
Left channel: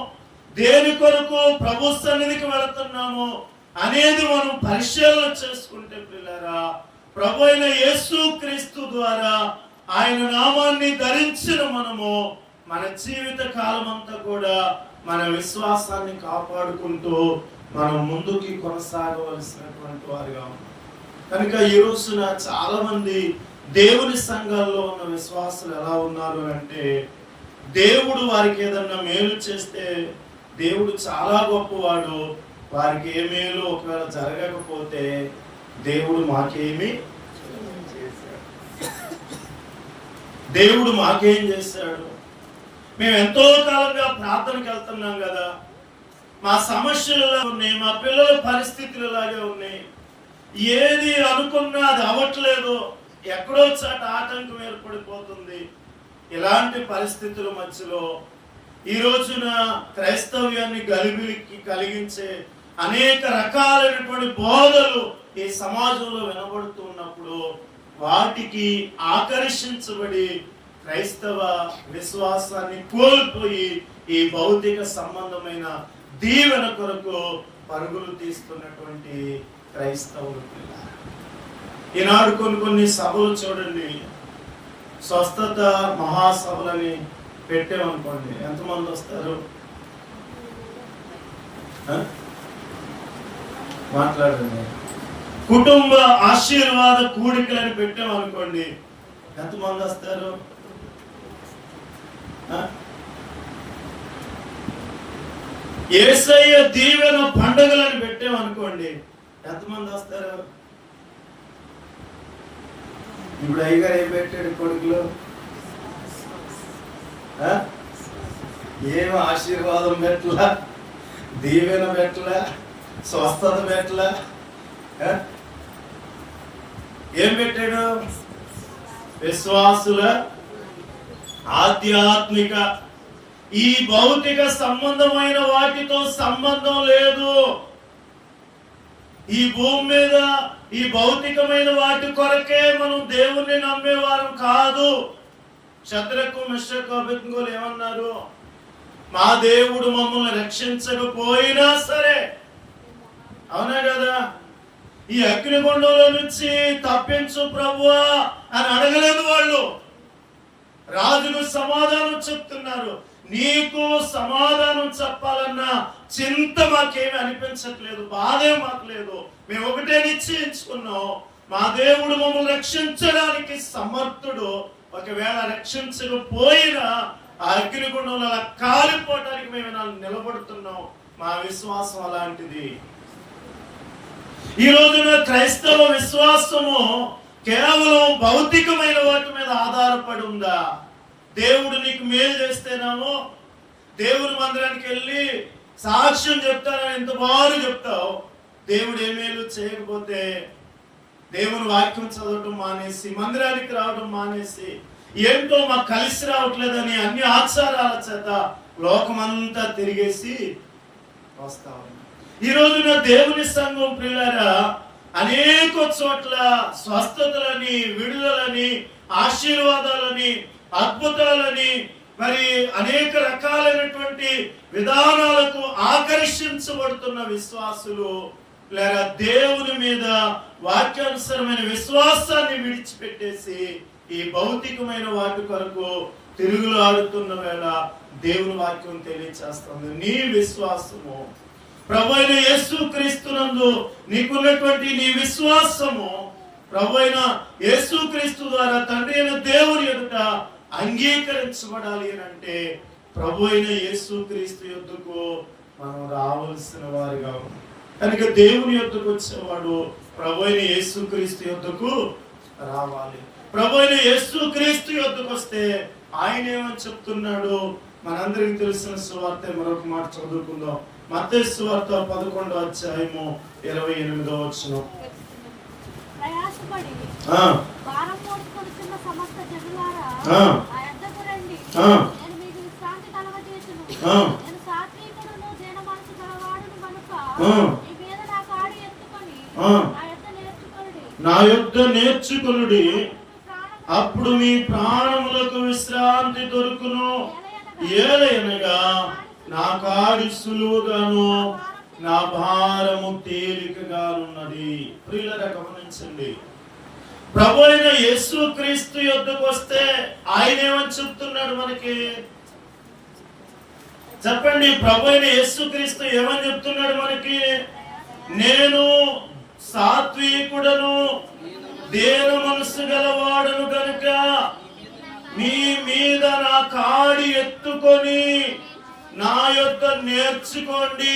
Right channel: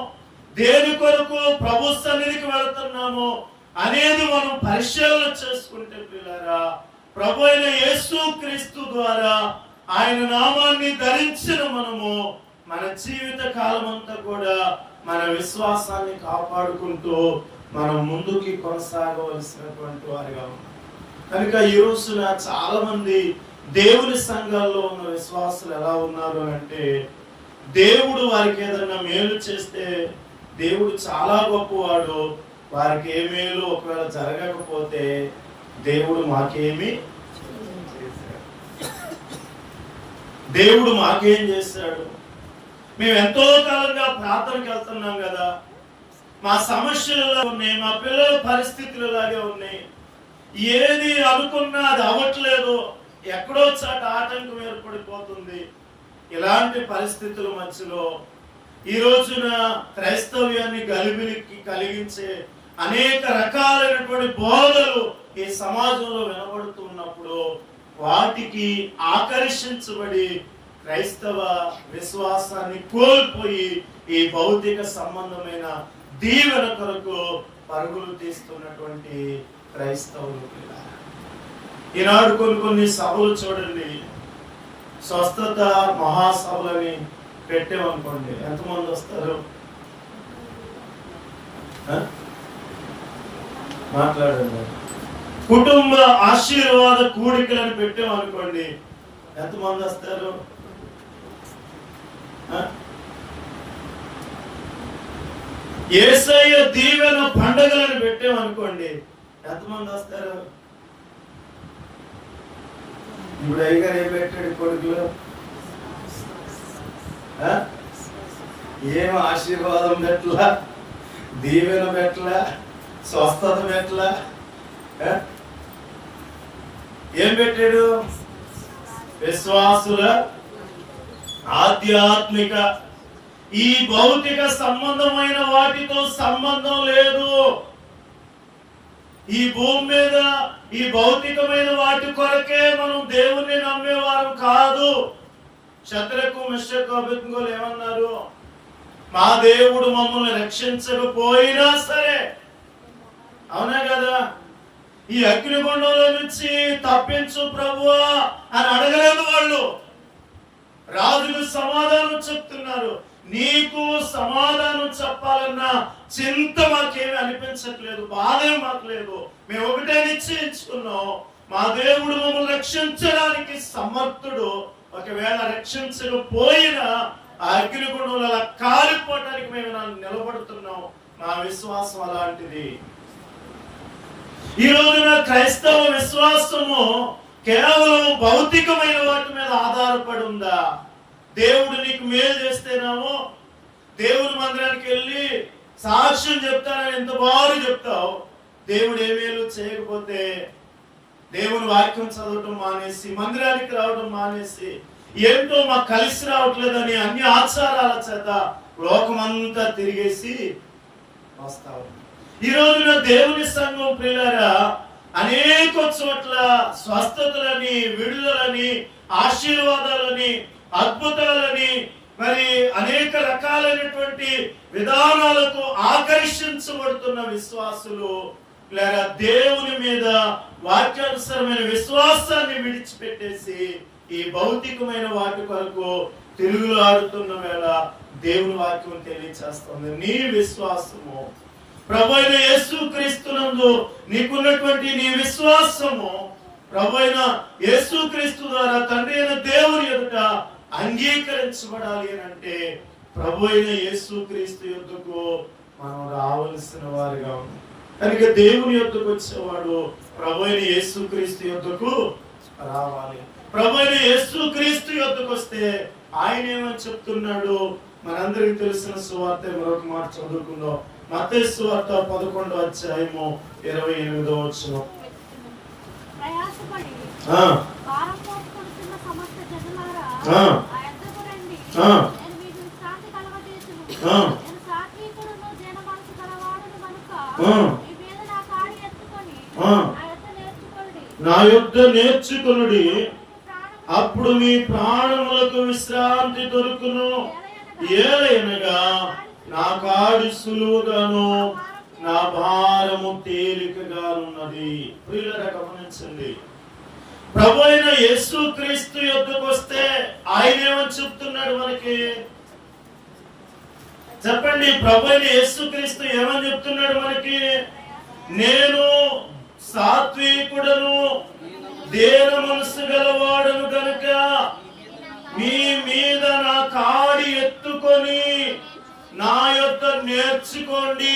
దేని కొరకు ప్రభు సన్నిధికి వెళుతున్నామో అనేది మనం పరిశీలన చేసుకుంటే ప్రియులారా, ప్రభు అయిన యేసుక్రీస్తు ద్వారా ఆయన నామాన్ని ధరించిన మనము మన జీవిత కాలం అంతా కూడా మన విశ్వాసాన్ని కాపాడుకుంటూ మనం ముందుకి కొనసాగవలసినటువంటి వారిగా ఉన్నాం. కనుక ఈ రోజున చాలా మంది దేవుని సంఘాల్లో ఉన్న విశ్వాసులు ఎలా ఉన్నారు అంటే, దేవుడు వారికి ఏదన్నా మేలు చేస్తే దేవుడు చాలా గొప్పవాడు, వారికి ఏ మేలు ఒకవేళ జరగకపోతే దేవుడు మాకేమి చేశాడు, దేవుడు మాకేం చేశాడు, మేము ఎంతో కాలంగా ప్రార్థనకి వెళ్తున్నాం కదా, మా సమస్యలు ఉన్నాయి, మా పిల్లల పరిస్థితులు ఇలాగే ఉన్నాయి, ఏది అనుకున్నా అది అవ్వట్లేదు, ఎక్కడో చాట ఆటంకం ఏర్పడిపోతుంది. ఇలాంటి పరిస్థితుల మధ్యలో ఈ రోజున క్రైస్తవ్యాన్ని గలిబిలికి కలిగించే అనేక రకాలైనటువంటి బోధలు ఈ సమాజంలో వినబడుతున్నప్పుడు వాటికి ఆకర్షించబడి క్రైస్తవ విశ్వాసాన్ని కోల్పోయి ఈ భౌతిక సంబంధమైన దీవెన కొరకు పరుగులు తీస్తున్నటువంటి క్రైస్తవులు. ఈనాడు కొన్ని సభలు చూడండి, స్వస్థత మహాసభలని పెట్టామనుకోండి, ఎంతమంది వస్తారు? మాట్లాడండి. కుటుంబ ఆశీర్వాద కూడికలని పెట్టామనుకోండి, ఎంతమంది వస్తారు? యేసయ్య దీవెన పండుగలను పెట్టామనుకోండి, ఎంతమంది వస్తారు? ఇప్పుడు అయ్యగారు ఏం పెట్టాడు కొడుకులో? ఏం ఆశీర్వాదం పెట్టలా, దీవెన పెట్టలా, స్వస్థత పెట్టలా, ఏం పెట్టాడు? విశ్వాసుల ఆధ్యాత్మిక, ఈ భౌతిక సంబంధమైన వాటితో సంబంధం లేదు. ఈ భూమి మీద ఈ భౌతికమైన వాటి కొరకే మనం దేవుణ్ణి నమ్మేవారు కాదు. శద్రకు మెషకు అబేద్నెగోలు ఏమన్నారు? మా దేవుడు మమ్మల్ని రక్షించకపోయినా సరే, అవునా కదా, ఈ అగ్నిగుండంలో నుంచి తప్పించు ప్రభువా అని అడగలేదు వాళ్ళు. రాజుకు సమాధానం చెప్తున్నారు. నీకు సమాధానం చెప్పాలన్న చింత మాకేమీ అనిపించట్లేదు, బాధే మాకు లేదు. మేము ఒకటే నిశ్చయించుకున్నాం, మా దేవుడు మమ్మల్ని రక్షించడానికి సమర్థుడు. ఒకవేళ రక్షించకపోయినా ఆ అగ్నిగుండంలో అలా కాలిపోవటానికి మేము నిలబడుతున్నాం. మా విశ్వాసం అలాంటిది. ఈ రోజున క్రైస్తవ విశ్వాసము కేవలం భౌతికమైన వాటి మీద ఆధారపడి ఉందా? దేవుడు నీకు మేలు చేస్తేనేమో దేవుని మందిరానికి వెళ్ళి సాక్ష్యం చెప్తానని ఎంత బాగా చెప్తావు. దేవుడు ఏ మేలు చేయకపోతే దేవుని వాక్యం చదవటం మానేసి, మందిరానికి రావడం మానేసి, ఏంటో మాకు కలిసి రావట్లేదని అన్ని ఆచారాల చేత లోకమంతా తిరిగేసి వస్తావు. ఈ రోజున దేవుని సంఘం ప్రియులారా అనేక చోట్ల స్వస్థతలని, విడుదలని, ఆశీర్వాదాలని, అద్భుతాలని, మరి అనేక రకాలైనటువంటి విధానాలకు ఆకర్షించబడుతున్న విశ్వాసులు లేక దేవుని మీద వాక్యానుసరమైన విశ్వాసాన్ని విడిచిపెట్టేసి ఈ భౌతికమైన వాటి కొరకు తిరుగులాడుతున్న వేళ దేవుని వాక్యం తెలియచేస్తుంది. నీ విశ్వాసము ప్రభువైన యేసుక్రీస్తునందు నీకున్నటువంటి నీ విశ్వాసము ప్రభువైన యేసుక్రీస్తు ద్వారా తండ్రి అయిన దేవుని ఎదుట అంగీకరించబడాలి అని అంటే ప్రభువైన యేసుక్రీస్తు యొద్దకు మనం రావాల్సిన వారిగా ఉంది. కనుక దేవుని యొద్దకు వచ్చేవాడు ప్రభువైన యేసుక్రీస్తు యొద్దకు రావాలి. ప్రభువైన యేసుక్రీస్తు యొద్దకు వస్తే ఆయన ఏమని చెప్తున్నాడు? మనందరికి తెలిసిన సువార్త మరొక మాట చదువుకుందాం. మత్తయి సువార్త 11వ అధ్యాయము 28వ వచనం. నా యొద్ద నేర్చుకొనుడి, అప్పుడు మీ ప్రాణములకు విశ్రాంతి దొరుకును. ఏలయనగా నా కాడి సులువుగాను నా భారము తేలికగానున్నది. ప్రియులారా గమనించండి, ప్రభు అయిన యేసుక్రీస్తు యొద్దకు వస్తే ఆయన ఏమని చెప్తున్నాడు మనకి? చెప్పండి. ప్రభు అయిన యేసుక్రీస్తు ఏమని చెప్తున్నాడు మనకి? నేను సాత్వికుడను, దీన మనసు గలవాడను గనుక మీ మీద నా కాడి ఎత్తుకొని నా యొద్ద నేర్చుకోండి.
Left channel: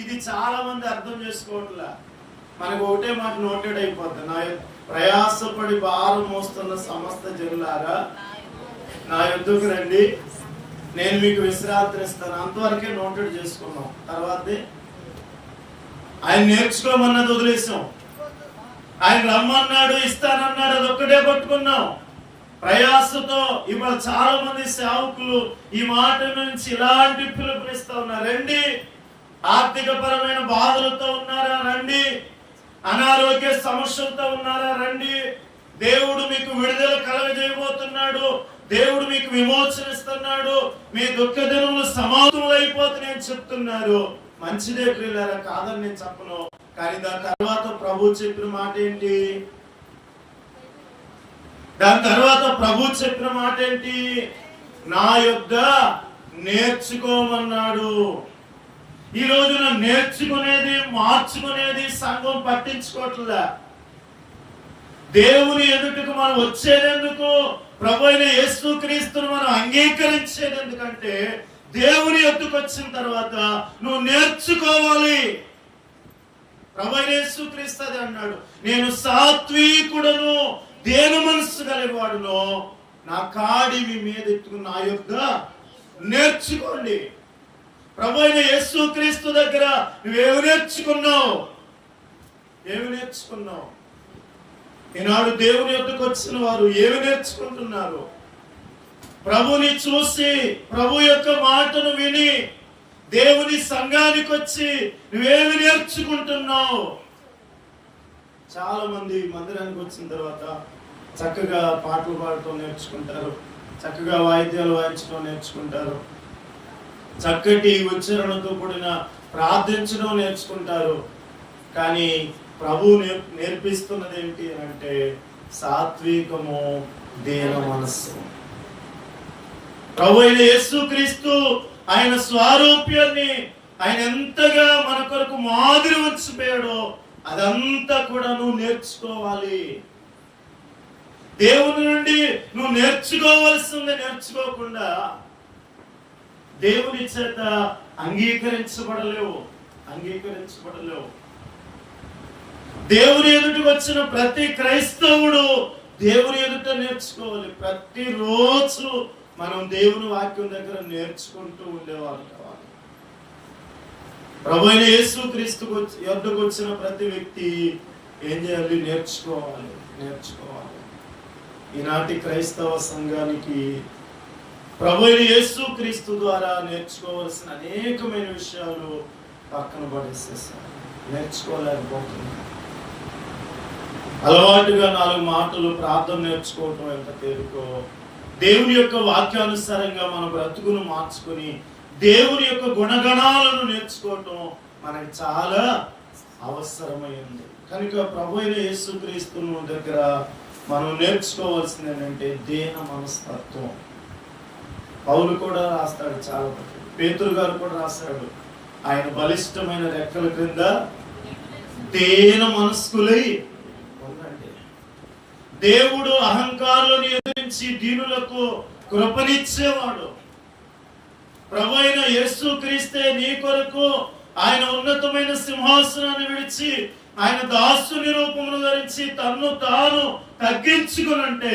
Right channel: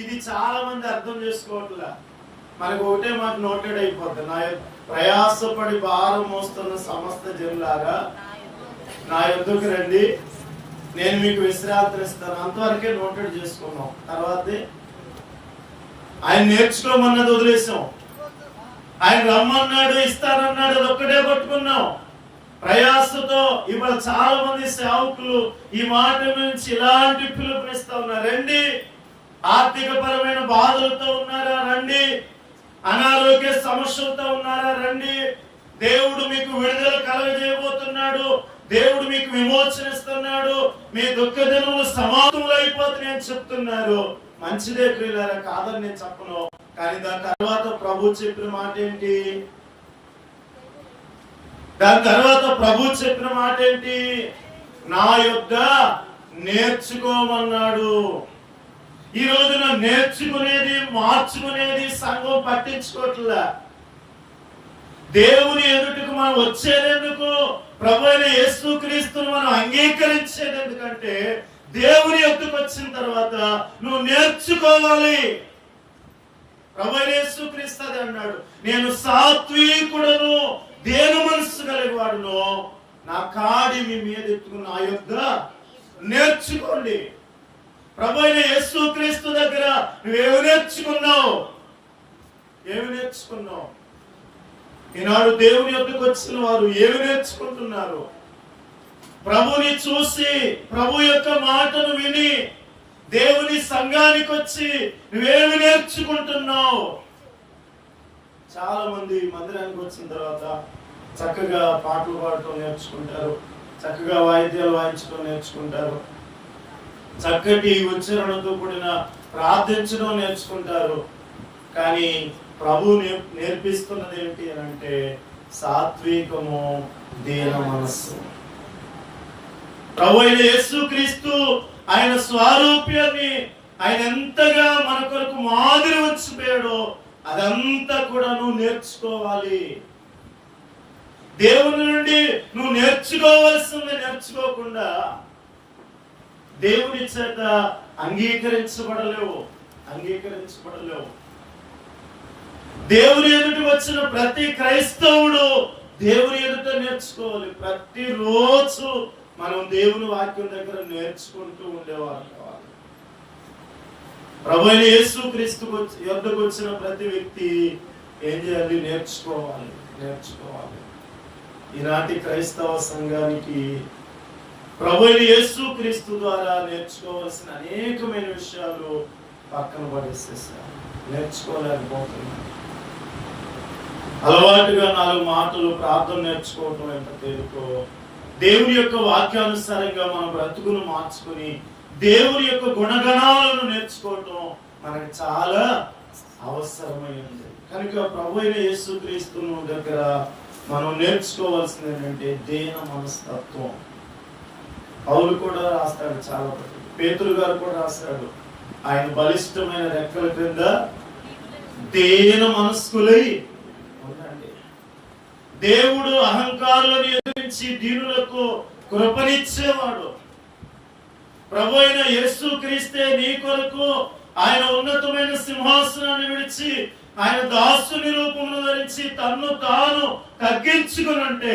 ఇది చాలా మంది అర్థం చేసుకోవట్లా. మనకు ఒకటే మాట నోటెడ్ అయిపోద్ది. నా ప్రయాసపడి భారం మోస్తున్న సమస్త జనులారా నా యొద్దకు రండి, నేను మీకు విశ్రాంతి ఇస్తాను. అంతవరకే నోటెడ్ చేసుకున్నాం. తర్వాత ఆయన నేర్చుకోమన్నది వదిలేసాం. ఆయన రమ్మన్నాడు, ఇస్తానన్నాడు, అది ఒక్కటే పట్టుకున్నాం. ప్రయాసతో ఇవాళ చాలా మంది సేవకులు ఈ మాట నుంచి ఇలాంటి పిలుపునిస్తా ఉన్నారు. రండి, ఆర్థిక పరమైన బాధలతో ఉన్నారా రండి. అనారోగ్య సమస్యలతో ఉన్నారా రండి. దేవుడు మీకు విడుదల కలగజేయబోతున్నాడు. దేవుడు మీకు విమోచన ఇస్తున్నాడు. మీ దుఃఖ దినములు సమాధులు అయిపోతున్నాయని చెప్తున్నారు. మంచిదే ప్రియులారా, కాదని నేను చెప్పను. కానీ దాని తర్వాత ప్రభు చెప్పిన మాట ఏంటి? నా యొద్ద నేర్చుకోమన్నాడు. ఈ రోజున నేర్చుకునేది మార్చుకునేది సంఘం పట్టించుకోవట్లే. దేవుని ఎదుటికి మనం వచ్చేదెందుకు? ప్రభు అయిన యేసుక్రీస్తును మనం అంగీకరించేది ఎందుకంటే దేవుని ఎదుటికి వచ్చిన తర్వాత నువ్వు నేర్చుకోవాలి. ప్రభు అయిన యేసుక్రీస్తు అది అన్నాడు, నేను సాత్వికుడను, దేని మనస్సు కలిగివాడును, నా కాడి మీ మీద ఎత్తుకుని నా యొద్ద నేర్చుకోండి. ప్రభు అయిన యేసుక్రీస్తు దగ్గర నువ్వేమి నేర్చుకున్నావు? ఏమి నేర్చుకున్నావు? ఈనాడు దేవుని యొద్దకు వచ్చిన వారు ఏమి నేర్చుకుంటున్నారు? ప్రభుని చూసి, ప్రభు యొక్క మాటను విని దేవుని సంఘానికి వచ్చి నువ్వేమి నేర్చుకుంటున్నావు? చాలా మంది మందిరానికి వచ్చిన తర్వాత చక్కగా పాటలు పాడటం నేర్చుకుంటారు, చక్కగా వాయిద్యాలు వాయించడం నేర్చుకుంటారు, చక్కటి ఉచ్చారణతో కూడిన ప్రార్థించడం నేర్చుకుంటారు. కానీ ప్రభు నేర్పిస్తున్నది ఏంటి అంటే సాత్వికము, దీన మనస్సు. ప్రభు అయిన యేసుక్రీస్తు ఆయన స్వారూప్యాన్ని ఆయన ఎంతగా మన కొరకు మాదిరి ఉంచిపోయాడో అదంతా కూడా నువ్వు నేర్చుకోవాలి. దేవుని నుండి నువ్వు నేర్చుకోవాల్సింది నేర్చుకోకుండా దేవుని చేత అంగీకరించబడలేవు. దేవుని ఎదుటికి వచ్చిన ప్రతి క్రైస్తవుడు దేవుని ఎదుట నేర్చుకోవాలి. ప్రతిరోజు మనం దేవుని వాక్యం దగ్గర నేర్చుకుంటూ ఉండేవారు కావాలి. ప్రభు అయిన యేసుక్రీస్తు యొద్దకు వచ్చిన ప్రతి వ్యక్తి ఏం చేయాలి? నేర్చుకోవాలి. ఈనాటి క్రైస్తవ సంఘానికి ప్రభు అయిన యేసుక్రీస్తు ద్వారా నేర్చుకోవాల్సిన అనేకమైన విషయాలు పక్కన పడేసేసారు. నేర్చుకోలేకపోతున్నారు. అలవాటుగా 4 మాటలు ప్రార్థన నేర్చుకోవటం ఎంత తేలికో, దేవుని యొక్క వాక్యానుసారంగా మన బ్రతుకును మార్చుకుని దేవుని యొక్క గుణగణాలను నేర్చుకోవటం మనకి చాలా అవసరమైంది. కనుక ప్రభు అయిన యేసుక్రీస్తును దగ్గర మనం నేర్చుకోవాల్సింది ఏంటంటే దీన మనస్తత్వం. పౌలు కూడా రాస్తాడు, చాలా పేతురు గారు కూడా రాస్తాడు, ఆయన బలిష్టమైన రెక్కల క్రింద దీన మనస్కులై ఉండండి. దేవుడు అహంకారులను ఎదిరించి దీనులకు కృపనిచ్చేవాడు. ప్రభు అయిన యేసుక్రీస్తే నీ కొరకు ఆయన ఉన్నతమైన సింహాసనాన్ని విడిచి ఆయన దాసుని రూపమును ధరించి తన్ను తాను తగ్గించుకునంటే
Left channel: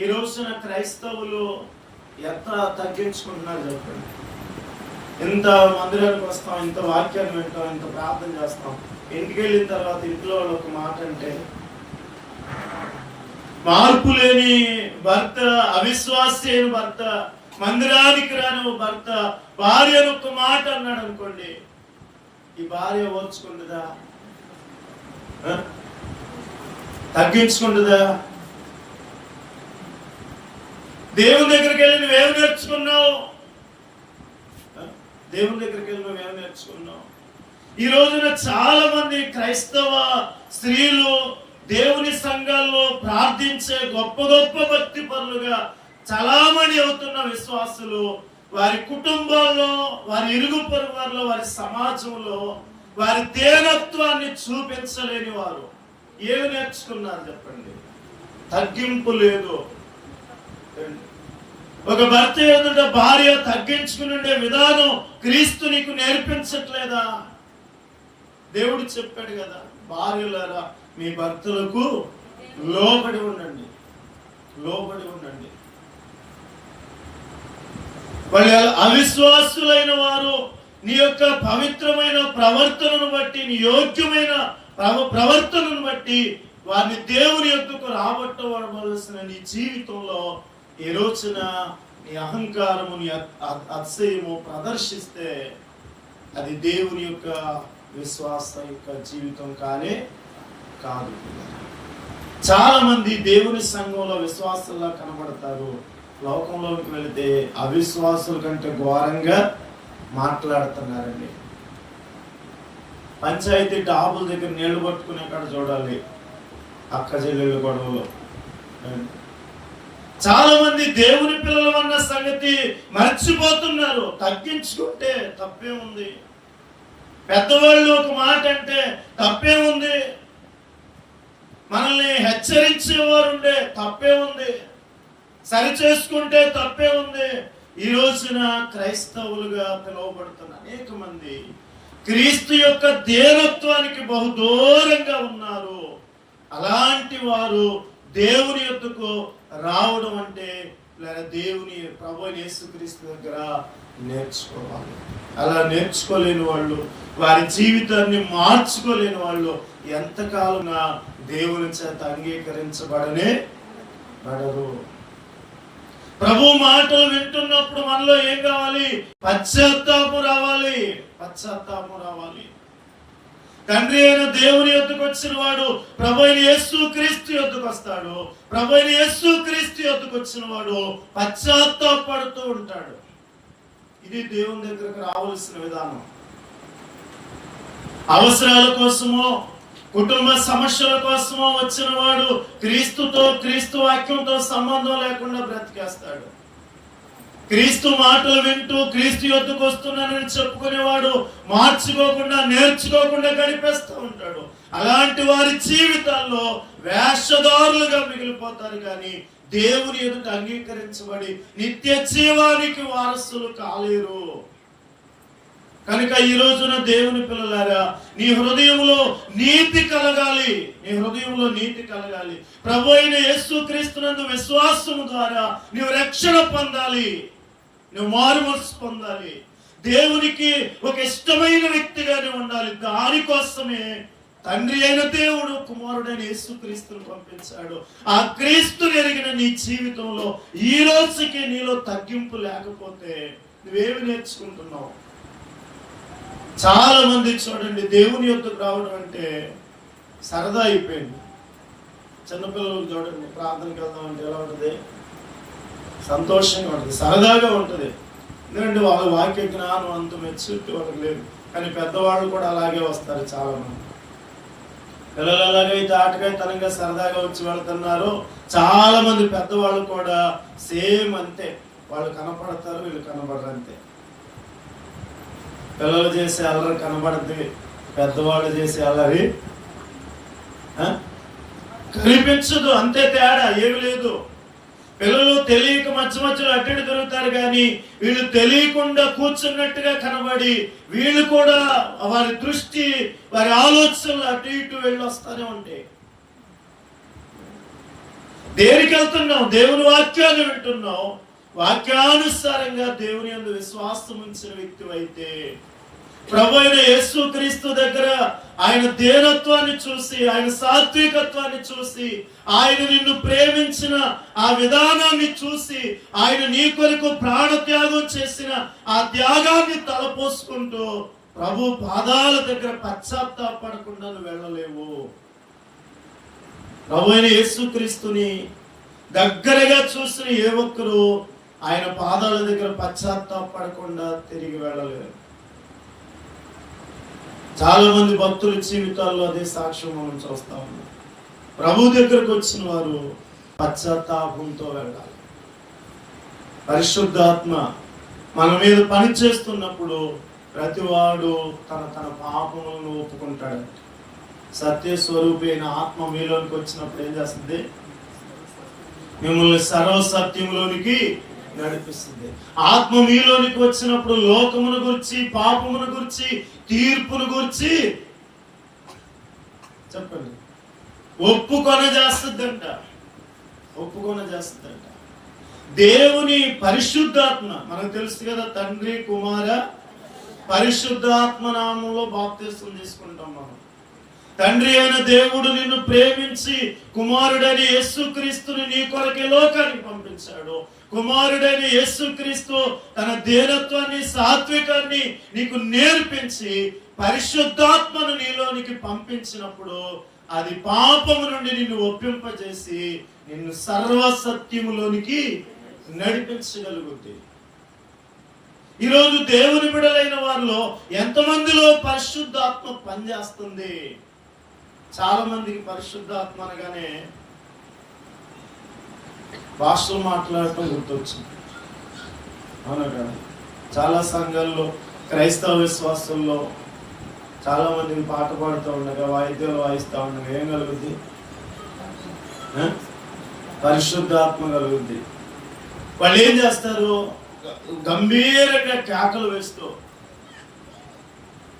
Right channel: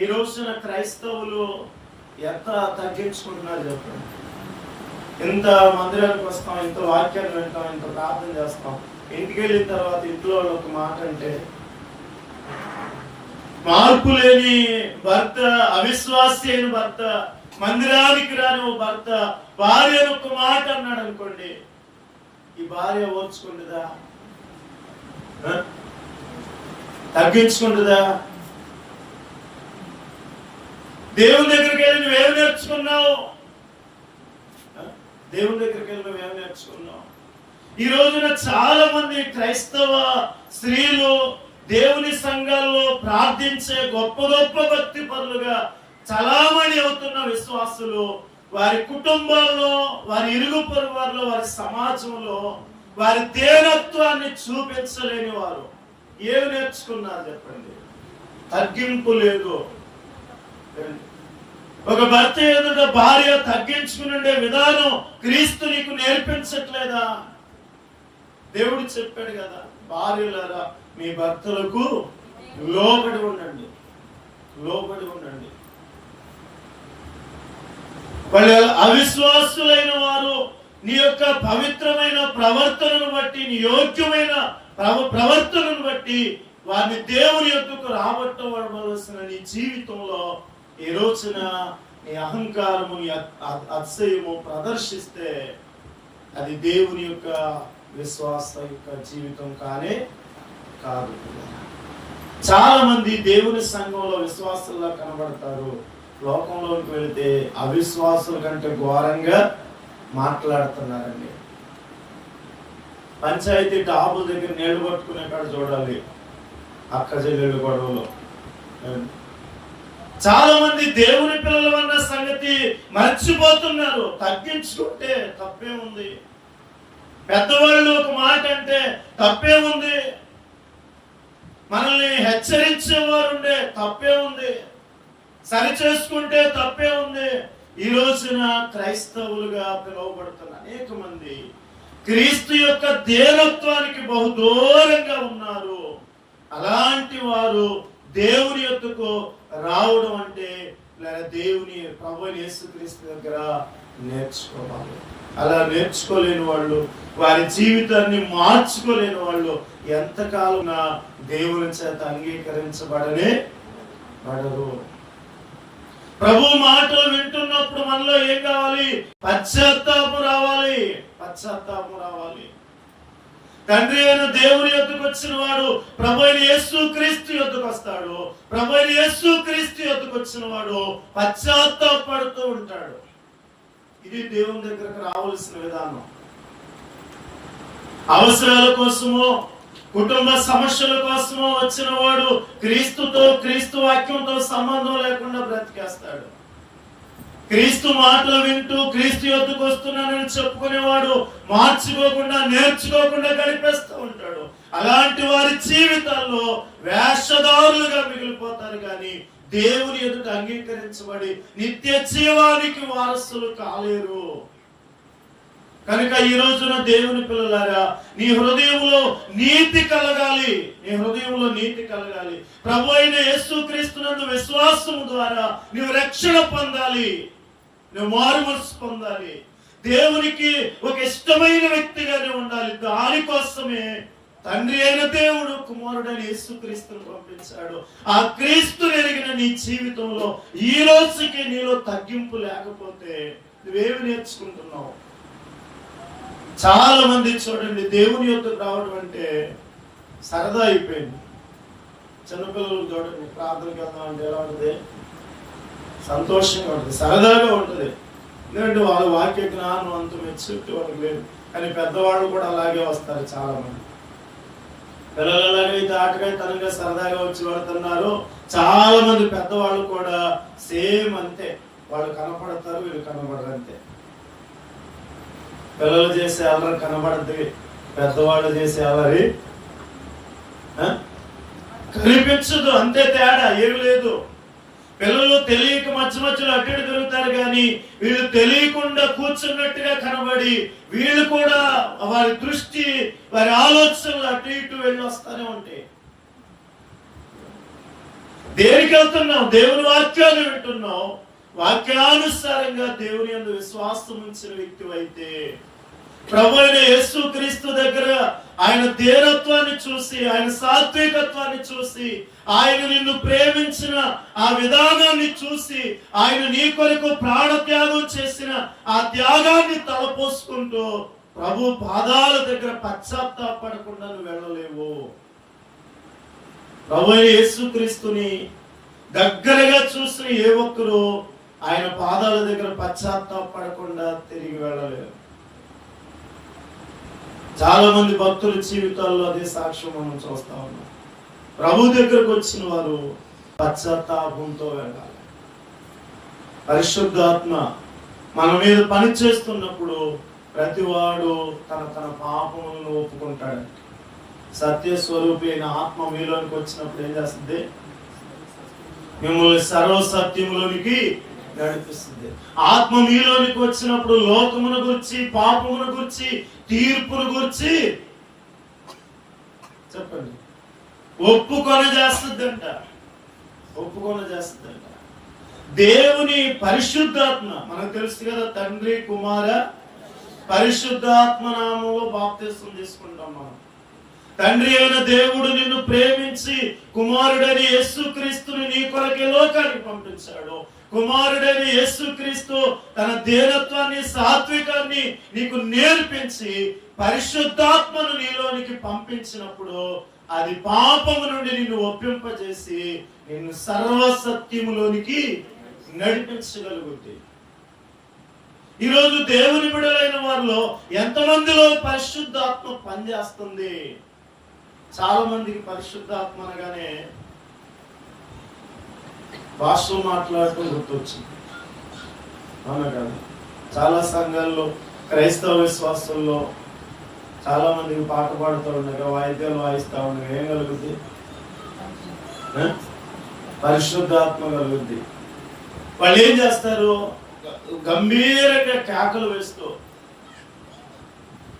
ఈ రోజున క్రైస్తవులు ఎంత తగ్గించుకుంటున్నారు చెప్పండి. ఇంత మందిరానికి వస్తాం, ఇంత వాక్యాన్ని వింటాం, ఇంత ప్రార్థన చేస్తాం, ఇంటికి వెళ్ళిన తర్వాత ఇంట్లో వాళ్ళు ఒక మాట అంటే, మార్పు లేని భర్త, అవిశ్వాసి అయిన భర్త, మందిరానికి రాని ఓ భర్త భార్యను ఒక మాట అన్నాడు అనుకోండి, ఈ భార్య ఓర్చుకుంటుందా? తగ్గించుకుంటుందా? దేవుని దగ్గరికి వెళ్ళి నువ్వేమి నేర్చుకున్నావు? ఈ రోజున చాలా మంది క్రైస్తవ స్త్రీలు దేవుని సంఘాల్లో ప్రార్థించే గొప్ప గొప్ప భక్తి పరులుగా చలామణి అవుతున్న విశ్వాసులు వారి కుటుంబాల్లో, వారి ఇరుగు పొరుగు వారిలో, వారి సమాజంలో వారి దేనత్వాన్ని చూపించలేని వారు ఏమి నేర్చుకున్నారు చెప్పండి? తగ్గింపు లేదు. ఒక భర్త ఎదుట భార్య తగ్గించుకునే విధానం క్రీస్తు నీకు నేర్పించట్లేదా? దేవుడు చెప్పాడు కదా, భార్యలారా మీ భర్తలకు లోబడి ఉండండి. వాళ్ళు అవిశ్వాసులైన వారు నీ యొక్క పవిత్రమైన ప్రవర్తనను బట్టి, నీ యోగ్యమైన ప్రవర్తనను బట్టి వారిని దేవుని యొద్దకు రాబట్టవలసిన నీ జీవితంలో ఈ రోజున నీ అహంకారము, నీ అతిశయము ప్రదర్శిస్తే అది దేవుని యొక్క విశ్వాస యొక్క జీవితం కానే కాదు. చాలా మంది దేవుని సంఘంలో విశ్వాసుల్లా కనబడతారు, లోకంలోకి వెళితే అవిశ్వాసుల కంటే ఘోరంగా మాట్లాడుతున్నారండి. పంచాయతీ టాబుల దగ్గర నీళ్లు పట్టుకునే కాడ చూడాలి అక్క చెల్లెళ్ళు గొడవలు. చాలా మంది దేవుని పిల్లలు అన్న సంగతి మర్చిపోతున్నారు. తగ్గించుకుంటే తప్పే ఉంది, పెద్దవాళ్ళు ఒక మాట అంటే తప్పే ఉంది, మనల్ని హెచ్చరించేవారుండే తప్పే ఉంది, సరి చేసుకుంటే తప్పే ఉంది. ఈ రోజున క్రైస్తవులుగా పిలువబడుతున్న అనేక మంది క్రీస్తు యొక్క దేవత్వానికి బహుదూరంగా ఉన్నారు. అలాంటి వారు దేవుని యొద్దకు రావడం అంటే దేవుని ప్రభువైన యేసుక్రీస్తు దగ్గర నేర్చుకోవాలి. అలా నేర్చుకోలేని వాళ్ళు, వారి జీవితాన్ని మార్చుకోలేని వాళ్ళు ఎంతకాలం దేవుని చేత అంగీకరించబడనే పడరు. ప్రభు మాటలు వింటున్నప్పుడు మనలో ఏం కావాలి? పశ్చాత్తాపం రావాలి, పశ్చాత్తాపం రావాలి. తండ్రి అయిన దేవుని యొద్దకు వచ్చిన వాడు ప్రభు అయిన యేసుక్రీస్తు యొద్దకు వస్తాడు. ప్రభు అయిన యేసుక్రీస్తు యొద్దకు వచ్చిన వాడు పశ్చాత్తాపడుతూ ఉంటాడు. ఇది దేవుని దగ్గరకు రావాల్సిన విధానం. అవసరాల కోసమో కుటుంబ సమస్యల కోసమో వచ్చిన వాడు క్రీస్తుతో, క్రీస్తు వాక్యంతో సంబంధం లేకుండా బ్రతికేస్తాడు. క్రీస్తు మాటలు వింటూ క్రీస్తు యొద్దకు వస్తున్నానని చెప్పుకునేవాడు మార్చుకోకుండా, నేర్చుకోకుండా గడిపేస్తూ ఉంటాడు. అలాంటి వారి జీవితాల్లో వేషధారులుగా మిగిలిపోతారు, కానీ దేవుని ఎదుట అంగీకరించబడి నిత్య జీవానికి వారసులు కాలేరు. కనుక ఈ రోజున దేవుని పిల్లలారా, నీ హృదయంలో నీతి కలగాలి, నీ హృదయంలో నీతి కలగాలి. ప్రభు అయిన యేసుక్రీస్తునందు విశ్వాసం ద్వారా నీవు రక్షణ పొందాలి, నువ్వు మారుమనసు పొందాలి, దేవునికి ఒక ఇష్టమైన వ్యక్తిగానే ఉండాలి. దానికోసమే తండ్రి అయిన దేవుడు కుమారుడైన యేసుక్రీస్తును పంపించాడు. ఆ క్రీస్తుని ఎరిగిన నీ జీవితంలో ఈ రోజుకి నీలో తగ్గింపు లేకపోతే నువ్వేమి నేర్చుకుంటున్నావు? చాలా మంది చూడండి, దేవుని యొద్దకు రావడం అంటే సరదా అయిపోయింది. చిన్నపిల్లలు చూడండి, ప్రార్థనకి వెళ్దాం అంటే ఎలా ఉంటుంది? సంతోషంగా ఉంటుంది, సరదాగా ఉంటుంది. ఎందుకంటే వాళ్ళ వాక్య జ్ఞానం అంత మెచ్యూరిటీ వాళ్ళకి లేదు. కానీ పెద్దవాళ్ళు కూడా అలాగే వస్తారు. చాలా మంది పిల్లలు అలాగే అయితే ఆటగాయతనంగా సరదాగా వచ్చి వెళ్తున్నారు. చాలా మంది పెద్దవాళ్ళు కూడా సేమ్ అంతే, వాళ్ళు కనపడతారు, వీళ్ళు కనపడరు అంతే. పిల్లలు చేసే అల్లరి కనబడద్ది, పెద్దవాళ్ళు చేసే అల్లరి కనిపించదు, అంతే తేడా, ఏమి లేదు. పిల్లలు తెలియక మధ్య మధ్యలో అడ్డు దొరుకుతారు, కానీ వీళ్ళు తెలియకుండా కూర్చున్నట్టుగా కనబడి వీళ్ళు కూడా వారి దృష్టి, వారి ఆలోచనలు అటు ఇటు వెళ్ళి వస్తానే ఉంటాయి. దేనికి వెళ్తున్నాం? దేవుని వాక్యాన్ని వింటున్నాం. వాక్యానుసారంగా దేవుని యందు విశ్వాసం ఉంచిన వ్యక్తి అయితే ప్రభు అయిన యేసుక్రీస్తు దగ్గర ఆయన దీనత్వాన్ని చూసి, ఆయన సాత్వికత్వాన్ని చూసి, ఆయన నిన్ను ప్రేమించిన ఆ విధానాన్ని చూసి, ఆయన నీ కొరకు ప్రాణత్యాగం చేసిన ఆ త్యాగాన్ని తలపోసుకుంటూ ప్రభు పాదాల దగ్గర పశ్చాత్తాపడకుండా నువ్వు వెళ్ళలేవు. ప్రభు అయిన యేసుక్రీస్తుని దగ్గరగా చూసిన ఏ ఒక్కరు ఆయన పాదాల దగ్గర పశ్చాత్తాపడకుండా తిరిగి వెళ్ళలేరు. చాలా మంది భక్తుల జీవితాల్లో అదే సాక్ష్యం మనం చూస్తా ఉన్నాం. ప్రభు దగ్గరకు వచ్చిన వారు పశ్చాత్తాపంతో వెళ్ళాలి. పరిశుద్ధాత్మ మన మీద పని చేస్తున్నప్పుడు ప్రతివాడు తన తన పాపములను ఒప్పుకుంటాడు. సత్యస్వరూపి అయిన ఆత్మ మీలోనికి వచ్చినప్పుడు ఏం చేస్తుంది? మిమ్మల్ని సర్వసత్యంలోనికి నడిపిస్తుంది. ఆత్మ మీలోనికి వచ్చినప్పుడు లోకమును గురించి, పాపమును గురించి, తీర్పును గురించి చెప్పండి ఒప్పుకొన చేస్తుందంట, ఒప్పుకొన చేస్తుందంట. దేవుని పరిశుద్ధాత్మ మనకు తెలుసు కదా, తండ్రి కుమార పరిశుద్ధాత్మ నామంలో బాప్తిస్మం తీసుకుంటాం మనం. తండ్రి అయిన దేవుడు నిన్ను ప్రేమించి కుమారుడైన యేసుక్రీస్తుని నీ కొరకే లోకానికి పంపించాడు. కుమారుడైన యేసుక్రీస్తు తన దీనత్వాన్ని, సాత్వికాన్ని నీకు నేర్పించి పరిశుద్ధాత్మను నీలోనికి పంపించినప్పుడు అది పాపము నుండి నిన్ను ఒప్పింపజేసి నిన్ను సర్వసత్యములోనికి నడిపించగలుగుతుంది. ఈరోజు దేవుని బిడ్డలైన వారిలో ఎంతమందిలో పరిశుద్ధాత్మ పనిచేస్తుంది? చాలా మందికి పరిశుద్ధాత్మ అనగానే భాషలో మాట్లాడటం గుర్తొచ్చింది. అవునా కదా? చాలా సంఘాల్లో, క్రైస్తవ విశ్వాసంలో చాలా మందికి పాట పాడుతూ ఉండగా, వాయిద్యాలు వాయిస్తూ ఉండగా ఏం కలుగుద్ది? పరిశుద్ధాత్మ కలుగుద్ది. వాళ్ళు ఏం చేస్తారు? గంభీరంగా కేకలు వేస్తూ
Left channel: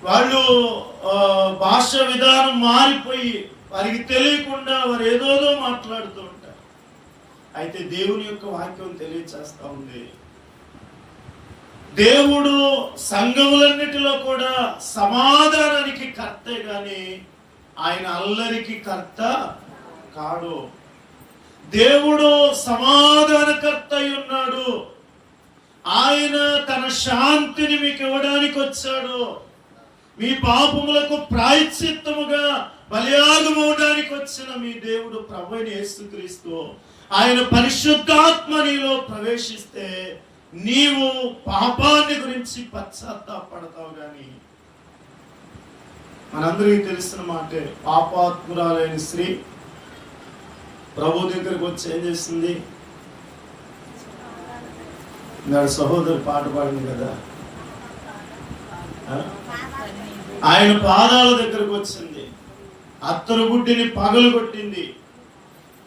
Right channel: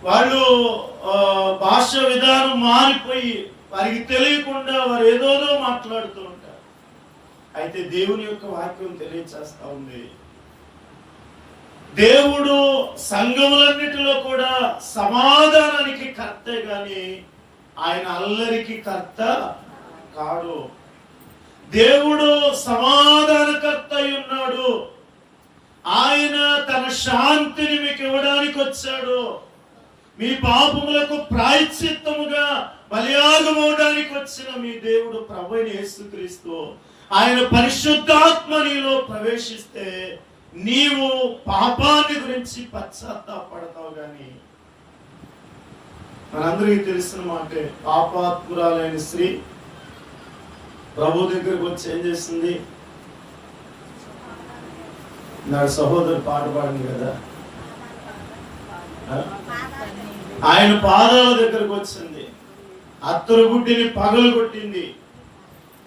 వాళ్ళు భాష విధానం మారిపోయి వారికి తెలియకుండా వారు ఏదోదో మాట్లాడుతూ ఉంటారు. అయితే దేవుని యొక్క వాక్యం తెలియచేస్తా ఉంది, దేవుడు సంఘములన్నిటిలో కూడా సమాధానానికి కర్తే గాని ఆయన అల్లరికి కర్త కాడు. దేవుడు సమాధానకర్త అయి ఉన్నాడు. ఆయన తన శాంతిని మీకు ఇవ్వడానికి వచ్చాడు. మీ పాపములకు ప్రాయశ్చిత్తముగా బలియాగమవడానికి వచ్చిన మీ దేవుడు ప్రభువైన యేసుక్రీస్తు. ఆయన పరిశుద్ధాత్మ నీలో ప్రవేశిస్తే నీవు పాపాన్ని గురించి పశ్చాత్తాపడతావు. గాని మనందరికీ తెలిసిన మాటే, పాపాత్మురాలైన స్త్రీ ప్రభు దగ్గరకు వచ్చి ఏం చేసింది? నాడు సహోదరు పాట పాడింది కదా, ఆయన పాదాల దగ్గరకు వచ్చింది, అత్తరు గుడ్డిని పగలు కొట్టింది,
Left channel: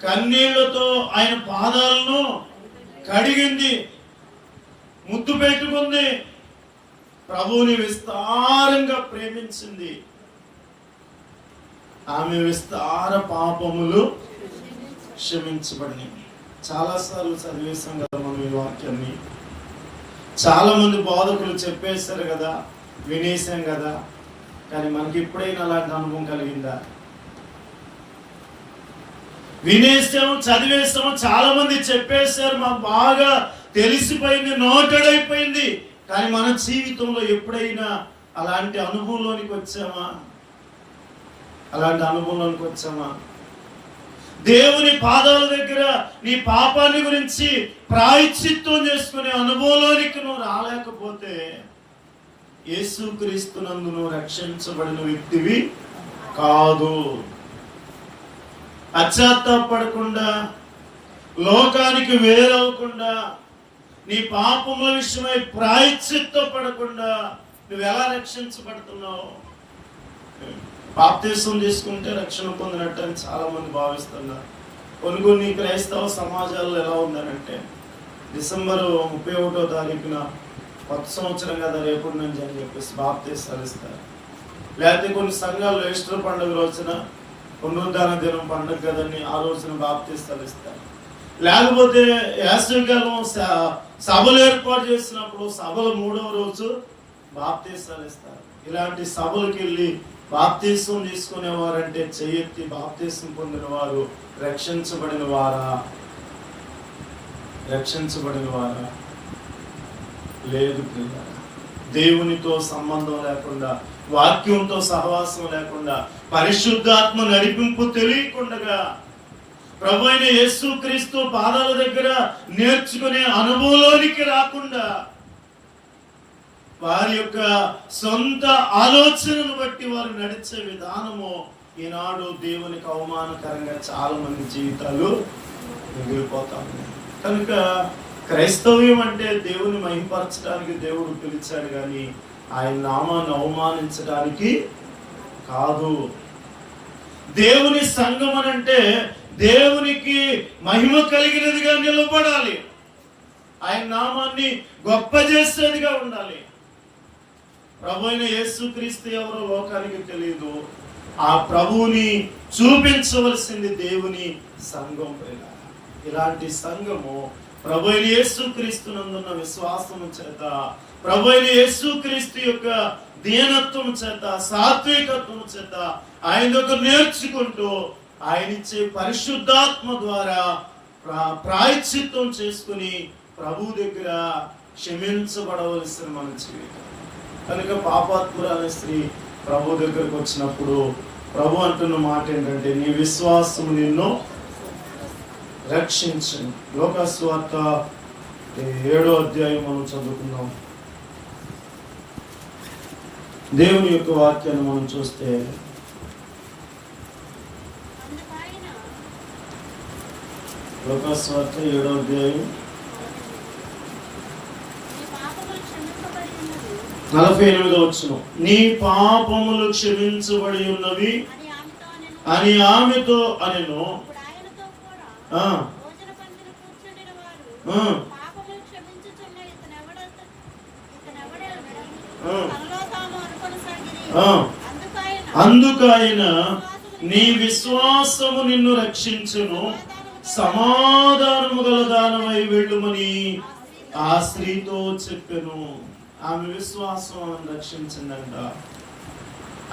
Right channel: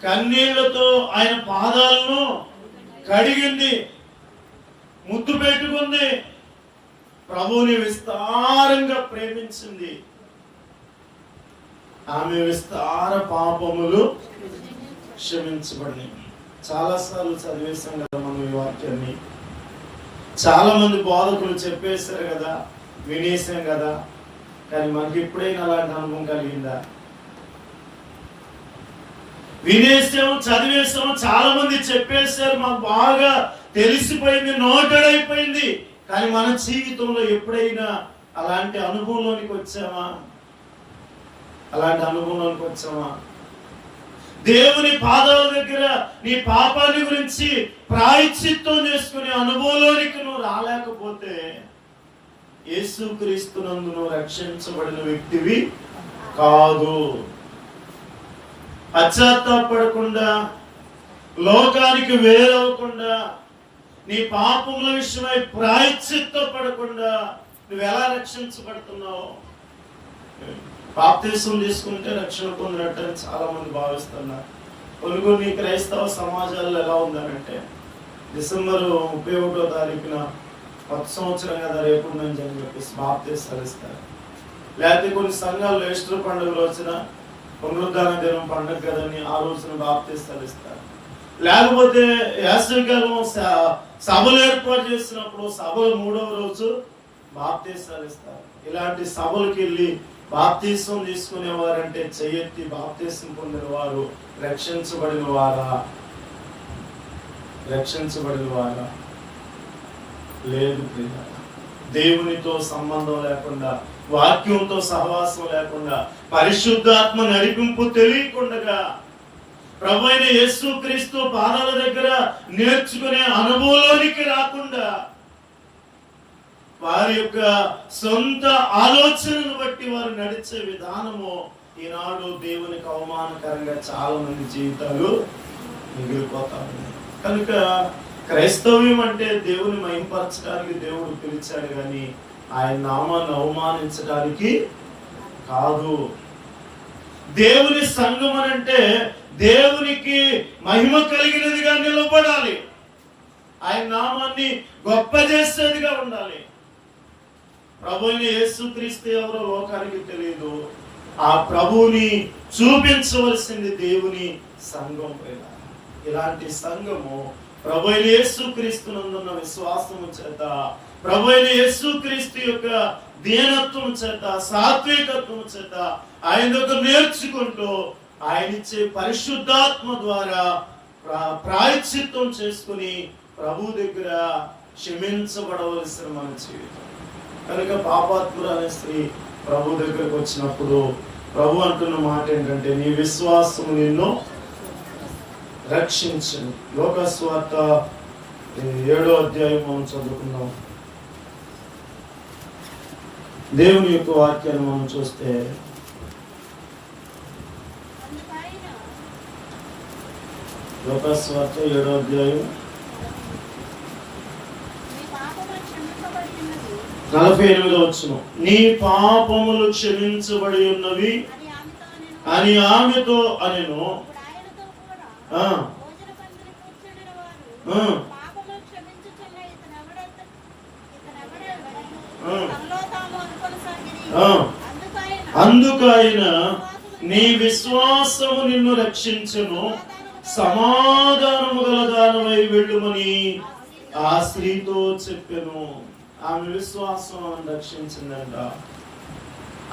కన్నీళ్లతో ఆయన పాదాలను కడిగింది, ముద్దు పెట్టుకుంది, ప్రభువుని విస్తారంగా ప్రేమించింది. ఆమె విస్తార పాపములు క్షమించబడి. చాలాసార్లు చదివేశాం కదా మనం ఈ వాక్యాన్ని. చాలా మంది బోధకులు చెప్పేశారు కదా, వినేసాం కదా. కానీ మనకి ఎప్పుడైనా అలాంటి అనుభవం కలిగిందా? వినేసాము, చదివేసాము, చాలా మంది చెప్పేశారు, మాకు బాగా తెలిసిపోయింది, నోటెడ్ అయిపోయింది. కానీ మన జీవితంలో ఎప్పుడైనా అలాంటి అనుభవంలోనికి వచ్చామా? అలాంటి అనుభవంలోనికి వచ్చామా? దేవుని పాదాల దగ్గర నీ పాపాన్ని గురించి ప్రాయశ్చిత్తం చేసుకునే అనుభవంలోనికి నువ్వు రాలేకపోతే యేసుక్రీస్తునందు నువ్వు రక్షించబడిన వ్యక్తివి కాదు. పశ్చాత్తాపడకుండా, లోకానికి వేరవకుండా, నీ పాపముల విషయమై ప్రాయశ్చిత్తపడకుండా నువ్వు ఎలా రక్షించబడుతున్నావు? బాప్తిసం తీసుకుంటే రక్షణ పొందినట్టు అని చాలా మంది భావిస్తున్నారు. కొన్ని క్రైస్తవ సమాజాల్లో ఎలా ఉందనంటే, డిసెంబర్ 31వ తారీఖున కొత్త సంవత్సరం కదా రేపటి నుంచి అని చెప్పేసి బాప్తిసాలు ఇస్తారు. లేకపోతే కొన్ని సంఘాల్లో ఈస్టర్ పండుగ రోజున, పునరుద్ధాన దినం పండుగ కదని ఆ రోజున బాప్తిసాలు ఇస్తారు. లేకపోతే వేసవికాలం సభలు ఏర్పాటు చేసినప్పుడు సభల 3వ రోజు బాప్తిసాలు ఇస్తారు. ఇలాంటి సభలకు వెళ్ళి బాప్తిసం తీసుకునేవారంటే చెయ్యెత్తి బాప్తిసం పొందిన వారు రక్షించబడిన వారా? రక్షించబడిన వారా? లేదు. దేవునితో సంబంధం లేకుండా, వాక్యంతో సహవాసం లేకుండా, పరిశుద్ధాత్మ నడిపింపు తెలియకుండా, ప్రభువైన యేసుక్రీస్తు పాదాల దగ్గర నేర్చుకునే అనుభవంలోనికి రాకుండా, వారి యొక్క సొంత ఆలోచనను బట్టి వారు నడిచే విధానము ఈనాడు దేవునికి అవమానకరంగా చాలా మంది జీవితాలు మిగిలిపోతా ఉన్నాయి. కనుక క్రైస్తవ్యం అంటే దేవుని మహింపరచడానికి దేవుడు పిలిచాడు, కానీ ఆయన నామాన్ని అవమానించడానికి కాదు. దేవుని సంఘం అంటే దేవునికి మహిమ కలిగినదిగా నిలబడాలి, ఆయన నామాన్ని గొప్ప చేసేదిగా ఉండాలి. ప్రభువైన యేసుక్రీస్తు ఎవరో లోకానికి తెలియదు. ఆ ప్రభువుని చూపించవలసింది దేవుని సంఘం పైన. ఇలాంటి సంఘము ప్రభువైన యేసుక్రీస్తునందున్న విశ్వాసము చేత ప్రభు అయిన యేసుక్రీస్తు యొక్క దీనత్వం చేత, సాత్వికత్వం చేత ఆయన దగ్గర నేర్చుకుంటూ ఆయన ఇచ్చే పరిశుద్ధాత్మ ద్వారా ప్రాయశ్చిత్తం చేసుకుని ప్రభు దగ్గర క్షమించబడవలసిన మన జీవితం. కనుక పాపాత్మురాలైన స్త్రీ ప్రభు దగ్గరకు వచ్చినప్పుడు ప్రభు అంటున్న మాట ఏంటంటే, నీ విశ్వాసము నిన్ను రక్షించను. లోకాసు వార్త 7వ అధ్యాయం మనం చదువుకున్నాం. దేవుని యొక్క వాక్యాన్ని మనం చూస్తే, లోకాసు వార్త 7వ అధ్యాయం 48వ వచనం, నీ పాపములు క్షమించబడి ఉన్నవి అని ఆమెతో అనెను. అందుకైన నీ విశ్వాసము నిన్ను రక్షించును, సమాధానము గల దానమై వెళ్ళుమని ఆ స్త్రీతో చెప్పెను. ఆమె విశ్వాసం రక్షించిందంట.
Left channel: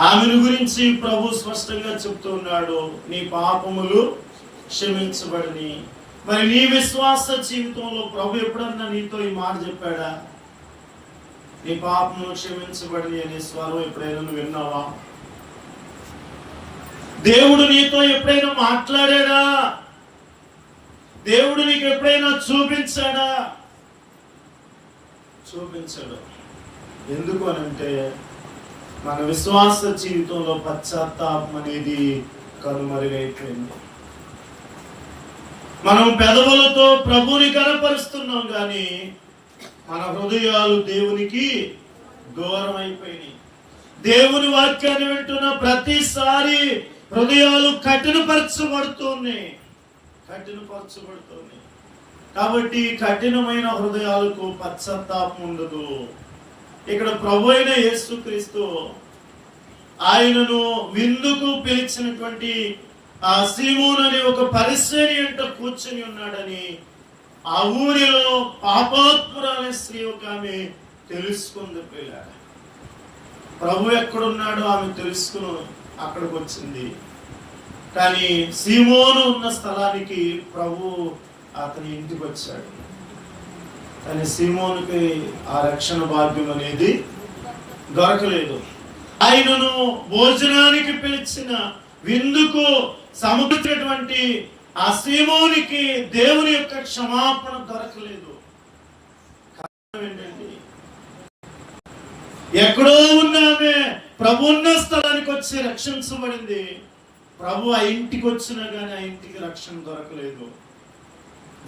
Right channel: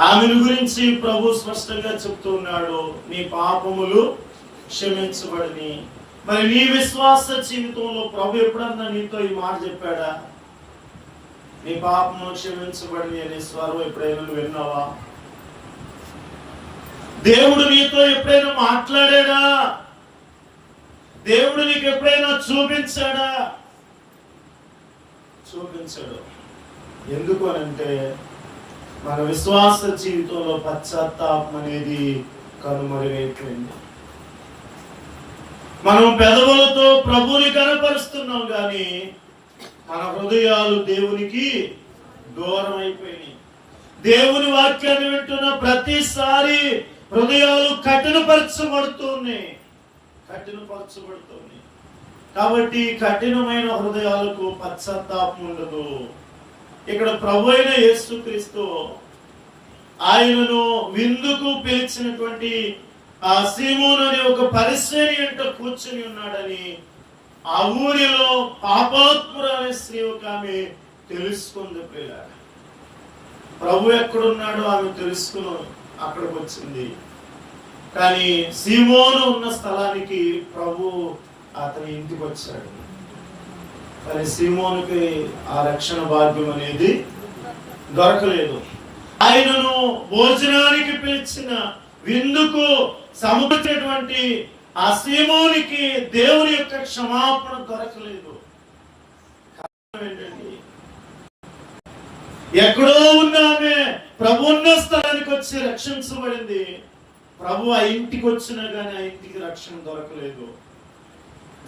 ఆమెను గురించి ప్రభు స్పష్టంగా చెప్తూ ఉన్నాడు, నీ పాపములు క్షమించబడిని. మరి నీ విశ్వాస జీవితంలో ప్రభు ఎప్పుడన్నా నీతో ఈ మాట చెప్పాడా? నీ పాపములు క్షమించబడిని అనే స్వరం ఎప్పుడైనా నువ్వు విన్నావా? దేవుడు నీతో ఎప్పుడైనా మాట్లాడాడా? దేవుడు నీకు ఎప్పుడైనా చూపించాడా? చూపించాడు. ఎందుకు అనంటే, మన విశ్వాస జీవితంలో పశ్చాత్తాపం అనేది కనుమరుగైపోయింది. మనం పెదవులతో ప్రభుని కనపరుస్తున్నాం కానీ మన హృదయాలు దేవునికి దూరం అయిపోయినాయి. దేవుని వాక్యాన్ని వింటున్న ప్రతిసారి హృదయాలు కఠినపరచబడుతున్నాయి. కాబట్టి కఠినమైన హృదయాలకు పశ్చాత్తాపం ఉండదు. ఇక్కడ ప్రభు అయిన యేసుక్రీస్తు ఆయనను విందుకు పిలిచినటువంటి ఆ సీమోను అనే ఒక పరిసయ్యుని వెంట కూర్చొని ఉన్నాడని ఆ ఊరిలో పాపాత్మురాలైన స్త్రీ ఒక ఆమె తెలుసుకుంది. పిల్లాడు ప్రభు ఎక్కడున్నాడో ఆమె తెలుసుకుని అక్కడికి వచ్చింది. కానీ సీమోను ఉన్న స్థలానికి ప్రభు అతని ఇంటికి వచ్చాడు. కానీ సీమోనుకి ఆ రక్షణ భాగ్యం అనేది దొరకలేదు. ఆయనను భోజనానికి పిలిచిన విందుకు సముద్రటువంటి ఆ సీమోనికి దేవుని యొక్క క్షమాపణ దొరకలేదు. కారణం ఏంటండి? ఎక్కడో ఉన్నామే ప్రభు ఉన్న స్థలానికి వచ్చి రక్షించబడింది. ప్రభు ఆ ఇంటికి వచ్చినా కానీ ఆ ఇంటికి రక్షణ దొరకలేదు.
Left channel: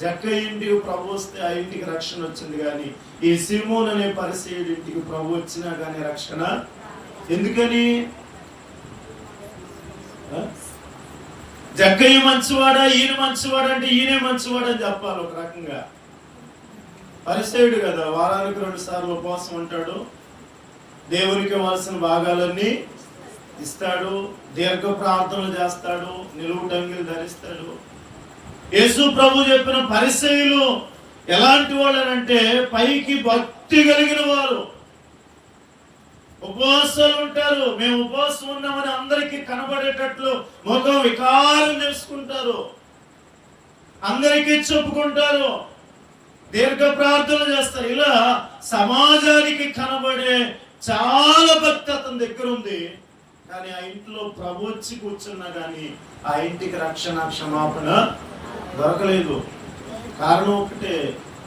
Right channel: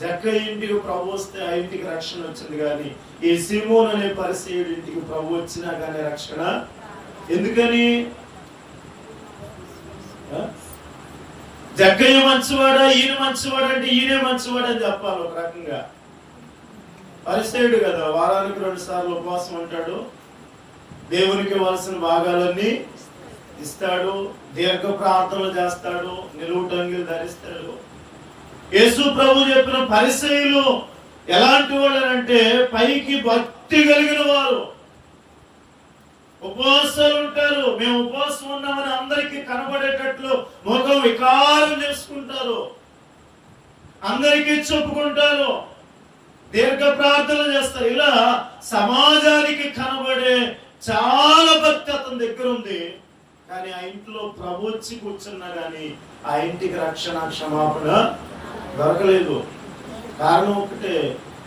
జక్కయ్య ఇంటికి ప్రభు వస్తే ఆ ఇంటికి రక్షణ వచ్చింది, కానీ ఈ సీమోను అనే పరిసయ్యుడి ఇంటికి ప్రభు వచ్చినా కానీ రక్షణ. ఎందుకని? జక్కయ్య మంచివాడా, ఈయన మంచివాడా అంటే ఈయనే మంచివాడని చెప్పాలి ఒక రకంగా. పరిసయ్యుడు కదా, వారానికి 2 సార్లు ఉపవాసం ఉంటాడు, దేవునికి ఇవ్వాల్సిన భాగాలన్నీ ఇస్తాడు, దీర్ఘ ప్రార్థనలు చేస్తాడు, నిలువుటంగిలు ధరిస్తాడు. యేసు ప్రభు చెప్పిన పరిసయ్యులు ఎలాంటి వాళ్ళు అంటే, పైకి భక్తి కలిగిన వారు, ఉపవాసాలు ఉంటారు. మేము ఉపవాసం ఉన్నామని అందరికీ కనబడేటట్లు ముఖం వికారం చేసుకుంటారు, అందరికీ చెప్పుకుంటారు, దీర్ఘ ప్రార్థన చేస్తారు. ఇలా సమాజానికి కనబడే చాలా భక్తి అతని దగ్గర ఉంది. కానీ ఆ ఇంట్లో ప్రభు వచ్చి కూర్చున్నా కానీ ఆ ఇంటికి రక్షణ క్షమాపణ దొరకలేదు. కారణం ఒకటే,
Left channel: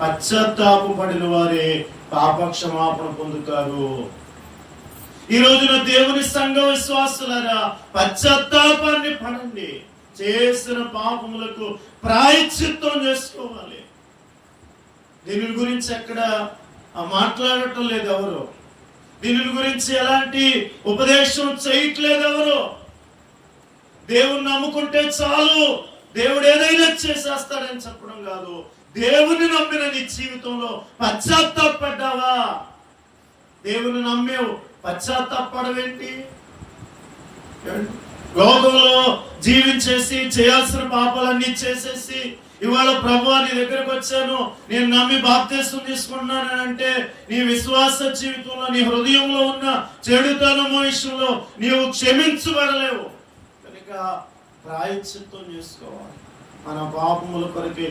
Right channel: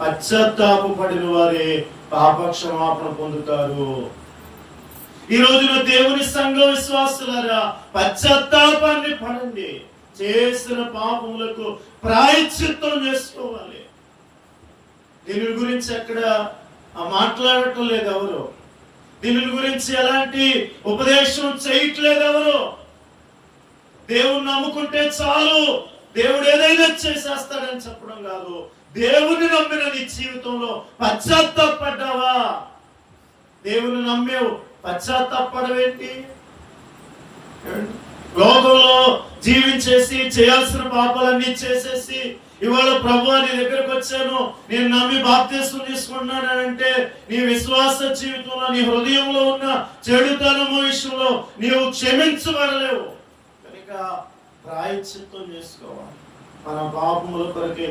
పశ్చాత్తాపడిన వారే పాప క్షమాపణ పొందుతారు. ఈ రోజున దేవుని సంఘ విశ్వాసులారా, పశ్చాత్తాపాన్ని పడండి. చేసిన పాపములకు ప్రాయశ్చిత్తం చేసుకోవాలి. దీని గురించి ఎక్కడ మాట్లాడటం లేదు ఎవరు. దీని గురించి ఎలాంటి ఉపదేశం చేయట్లేదు ఎవరు. దేవుణ్ణి నమ్ముకుంటే చాలు, దేవుడు ఏదైనా చేసేస్తాడని చెప్పడం కాదు. దేవుని నమ్మిన నీ జీవితంలో పశ్చాత్తాపడ్డావా? దేవుని నమ్మేవు, పశ్చాత్తాపడవేంటి? లోకంలో జీవించేసి చేయాల్సిన పాపాలన్నీ చేసేసి ఇవాళ ప్రభువా నీ దగ్గరకు వచ్చాను, నేను నమ్మి బాప్తిస్మం తీసుకున్నానంటే నీ విశ్వాస జీవితంలో, నీ హృదయంలో ఉన్న చెడుతనము విషయంలో నీవు క్షమించబడలేవు. కనుక ప్రాయశ్చిత్తం చేసుకోవాలి. మన పాపముల కొరకే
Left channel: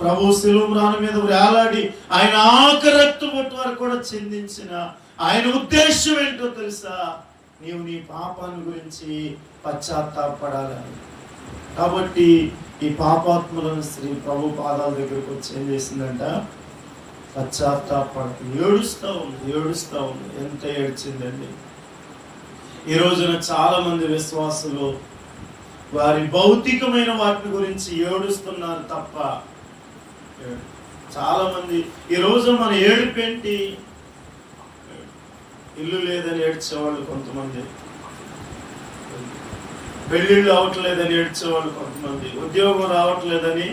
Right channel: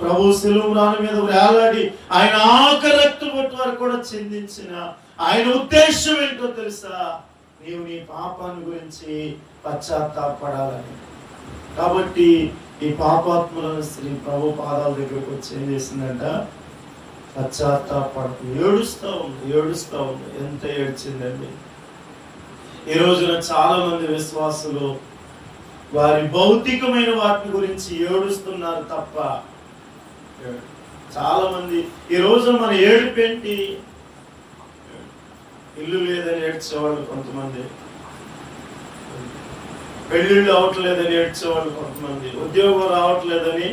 ప్రభు శిలువ రాణి మీద వేలాడి ఆయన ఆఖరి రక్తు బొట్టు వరకు కూడా చిందించిన ఆయన ఉద్దేశం ఏంటో తెలుసా? నీవు నీ పాపాన్ని గురించి పశ్చాత్తాపడాలని. కాబట్టి ఈ పాపాత్ములను స్త్రీ ప్రభు పాదాల దగ్గరకు వచ్చి ఏం చేసిందంట? పశ్చాత్తాపడుతూ ఏడుస్తా ఉంది. ఎంత ఏడ్చిందండి! ఈ రోజున చాలా మంది విశ్వాసులు వారి భౌతికమైన వాటి గురించి ఏడుస్తున్నారు తప్ప, చాలా మంది ఈ రోజు మన ఏడుపేంటి? ఇల్లు లేదని ఏడ్చేవాళ్ళు కొంతమంది, పెళ్లిళ్ళు అవ్వట్లేదని ఏడ్చేవాళ్ళు కొంతమంది, ఉద్యోగం రావట్లేదని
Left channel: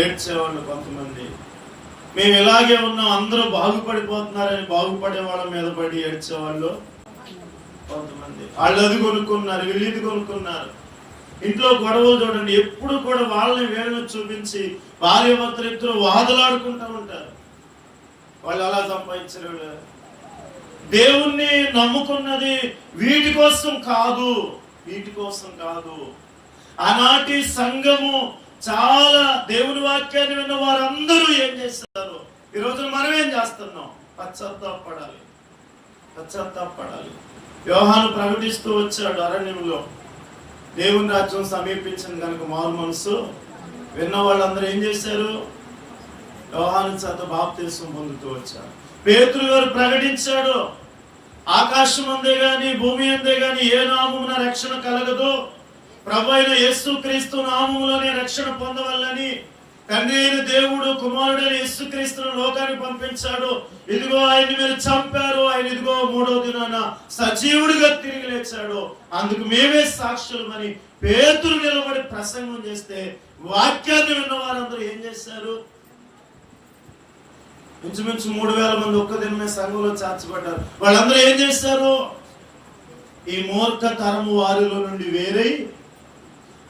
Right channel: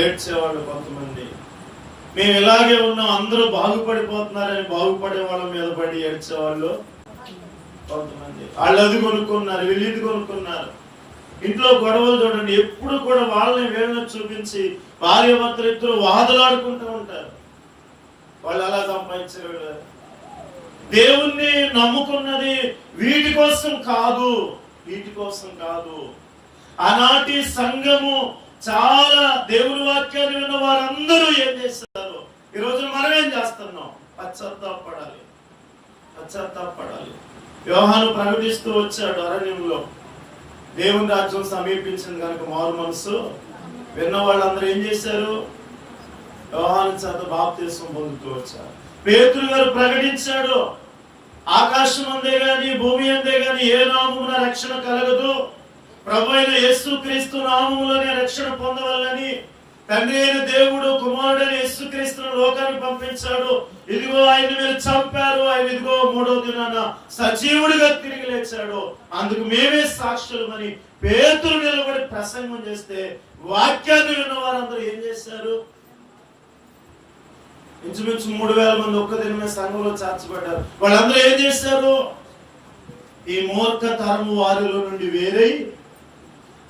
ఏడ్చేవాళ్ళు కొంతమంది, మేము ఇలాగే ఉన్నాం అందరూ బాగుపడిపోతున్నారని బాగుపడే వాళ్ళ మీద పడి ఏడ్చేవాళ్ళు కొంతమంది. వాళ్ళు అది కొనుక్కున్నారు, వీళ్ళు ఇది కొనుక్కున్నారు. ఇంట్లో గొడవలు చూడండి, ఎప్పుడు కూడా వాళ్ళని వీళ్ళని చూపించి భార్య భర్తలు ఇద్దరు వాదలాడుకుంటూ ఉంటారు. వాళ్ళు అలా సంపాదించారు. వీళ్ళు దేవుణ్ణి నమ్ముకున్నది వీటి కోసం కాదు. ఆనాటి సంఘము చాలా దేవుని వాక్యాన్ని విన్న వారందరూ ఏం చేస్తారు? ఈ రోజు మనం ఏం చేస్తున్నాం? పశ్చాత్తాపడాలి. యోహాను ప్రకటిస్తూ వచ్చాడు అరణ్యంలో, దేవుని రాజ్యం సమీపించింది కనుక మారు మనసు విన్న వాళ్ళందరూ ఏం చేశారు? యోహాను చేత బాప్తిస్మం పొందుతూ వచ్చారు. పేతురు గారు ప్రకటించాడు, ఆకాశం అందే గాని భూమి అందే గాని ఏ నామమున రక్షణ కలగదు, ప్రభు అయిన యేసుక్రీస్తు నామములోనే రక్షణ పొందవల్లని తండ్రి అయిన దేవుడు కుమారుడైన యేసుక్రీస్తును లోకానికి పంపించాడు. ఇదిగో ఆయన మీరు చంపారు, ఆయన ఇదిగో 3వ దినాన సజీవుడిగా తిరిగి లేచాడు, అందుకు మేమే సాక్షులమని పేతురు నిలబడి ప్రసంగం చేస్తే వాక్యాన్ని విన్న వారందరూ ఏం చేశారు? ఇంచుమించు 3000 మంది ఒక్క దినమే సంఘంలో చేర్చబడ్డారు. వాళ్ళందరూ ఏం చేశారు? ఈ మూర్ఖ తరము వారిలో నుండి వేరై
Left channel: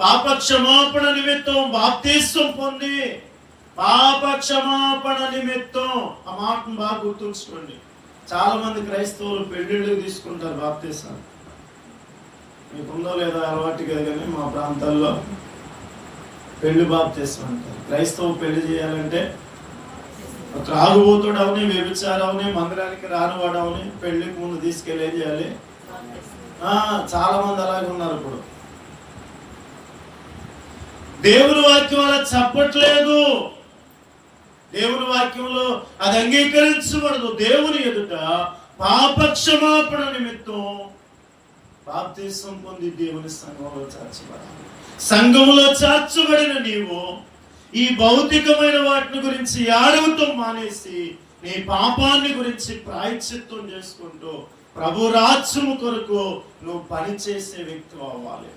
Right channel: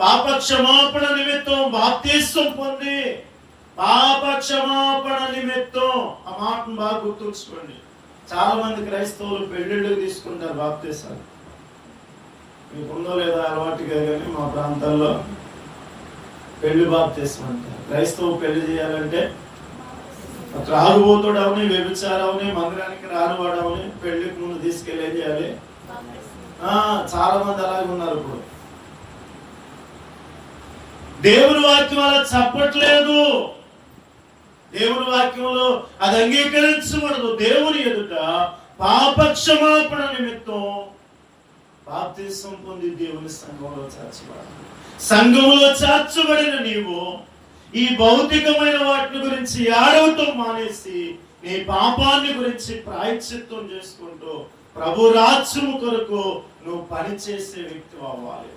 పాప క్షమాపణ నిమిత్తం బాప్తిస్మం పొంది, పాప క్షమాపణ నిమిత్తం, ఆ మాటను బాగా గుర్తుంచుకోండి. చాలా మంది క్రైస్తవులు పెళ్లిళ్ళకి తీసుకుంటారు బాప్తిస్మం. మీకుందో లేదో అలవాటుగా, కానీ మా ప్రాంతాల్లో పెళ్లి బాప్తిస్మం అంటారు. క్రైస్తవు పెళ్లి చేయాలంటే త్రాగుబోతుడు అవని, వ్యభిచారవని, మందిరానికి రానివాడు అవని పెళ్లికి ముందు తీసుకెళ్ళి ఏం చేయాలి? చాలా మంది అలాగే ఉన్నారు. ఇప్పుడు దేవుని వాక్యం అలా చెప్పట్లేదు. దేవుని వాక్యంలో అది అంగీకరించబడదు. దేవుని ఎదుట పాప క్షమాపణ నిమిత్తం బాప్తిస్మం పొంది దేవుని సంఘంలో చేర్చబడాలి. సంఘంలో చేర్చబడిన నీవు ఈ భౌతికమైన వాటిని గురించి ఏడవటం మానేసి నీ పాపాన్ని గురించి ప్రాయశ్చిత్తం చేసుకుంటూ ప్రభు రాజ్యము కొరకు నువ్వు పనిచేసే వ్యక్తి అవ్వాలి.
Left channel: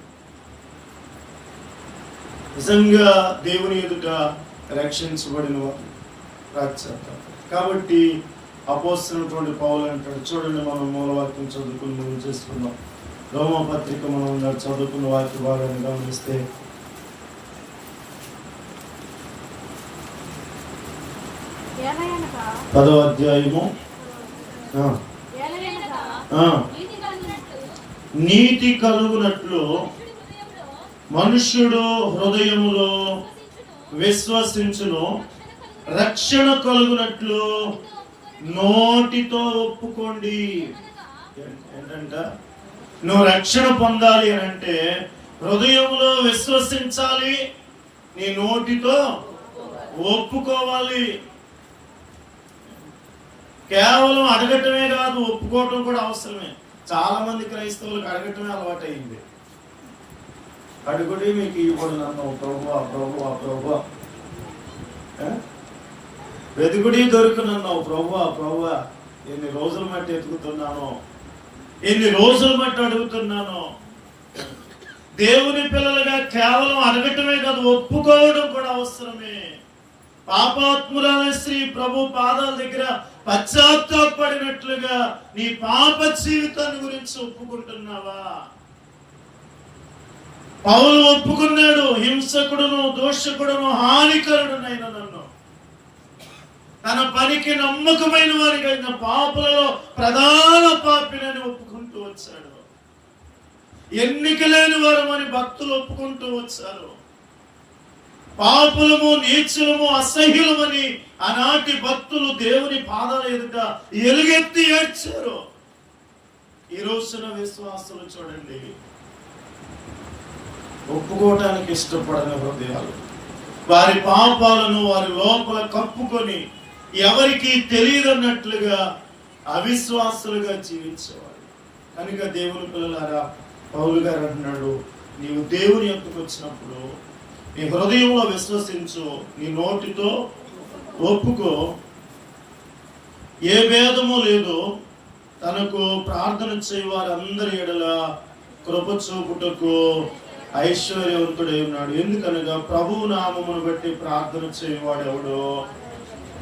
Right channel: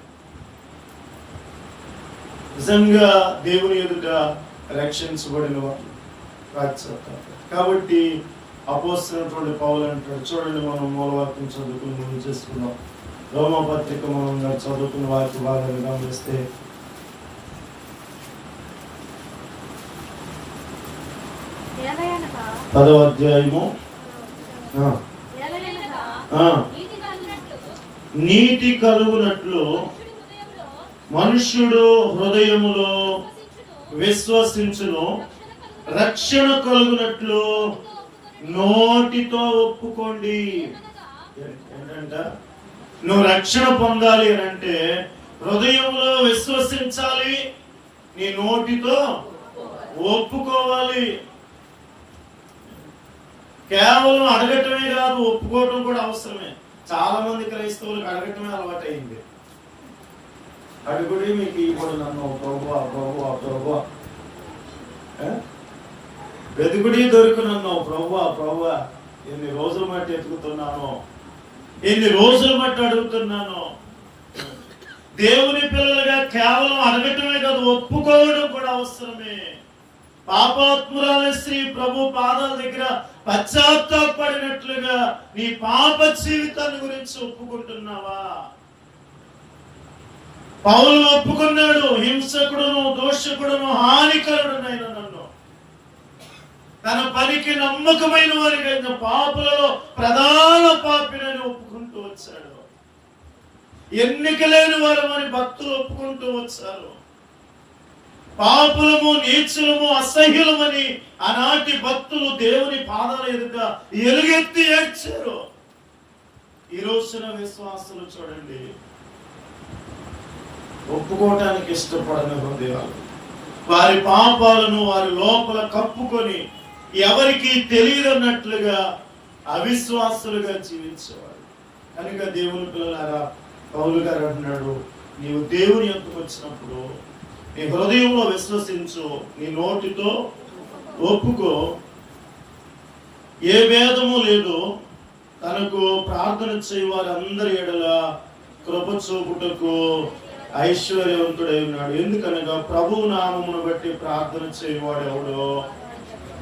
నిజంగా దేవుని ఎదుట రక్షించబడిన వారు. కాబట్టి అపోస్తలుడైనటువంటి పౌలు అంటాడు, చూడండి, మనం మూలవాక్యం చదువుకుని చేసుకున్నాం. రోమపత్రిక మనం చదువుకున్న వాక్య భాగాన్ని గమనిస్తే 10వ అధ్యాయము నీతి కలుగునట్లు మనుష్యుడు హృదయములో విశ్వసించును, రక్షణ కలుగునట్లు నోటితో ఒప్పుకోండి. ఏంటంట? నువ్వు రక్షణ పొందాలి అని అంటే హృదయంలో విశ్వసించాలి, నీ నోటితో ఒప్పుకోవాలి. కేవలం అడగటమే కాదు, ఒప్పుకోవటం కూడా అవసరమే. చాలా మంది క్రైస్తవులకు అడగటమే అలవాటు అయింది. అడుగుడి మీకు ఇవ్వడు నన్ను ప్రభు వెతుకుడి దొరికినన్నావు ప్రభు ఎన్ని రోజుల మట్టి ఎతుకుతున్నాను, ఎన్ని రోజుల మట్టి అడుగుతున్నాను. దేవుని పిల్లలుగా కేవలం అడగటమే కాదు, ఒప్పుకోవడం కూడా అవసరమే. పాపాత్మురాల స్త్రీ ప్రభు పాదాల దగ్గర పశ్చాత్తాపడినట్లుగా నీ పాప జీవితాన్ని గురించి ఒప్పుకుంటున్నావా? పౌలు ఒప్పుకున్నాడు, హింసకుడును దోషకుడును హానికరుడునైన నన్ను తన పనికి నమ్మకమైన వారికైన పాపులలో ప్రధాన పాపినని ఒప్పుకుంటూ వచ్చాడు. ఎన్నిక లేని వారమని భక్తులు ఒప్పుకుంటూ వచ్చారు. పాపులము నీచులము అసహ్యులమని ఆనాటి భక్తులు దేవుని పాదాల ఎదుట ఎలుగెత్తి ఏడ్చారు. ఈ రోజున విశ్వాసులు చూడండి, ఒప్పుకోవటానికి ఇష్టపడని హృదయాలు, వారి పాపాలను వారి లోపల కప్పుకొని ఎవరికి తెలియదన్నట్లుగా అవిశ్వాసులుగా జీవించేవారు. కనుక దేవుని పిల్లలారా, పౌలు గారు అంటున్నాడు, నీవు దేవుని యొద్దకు వచ్చినప్పుడు నీ హృదయంలో విశ్వసించు, నీ నోటితో ఒప్పుకో, ఏ భేదము లేదు, తనకు ప్రార్థన చేయు వారందరి ఎడల కృప చూపుటకు ఐశ్వర్యవంతుడై ఉన్నాడు. ఎందుకనగా ప్రభువు నామమును బట్టి ప్రార్థన చేయవాడెవడో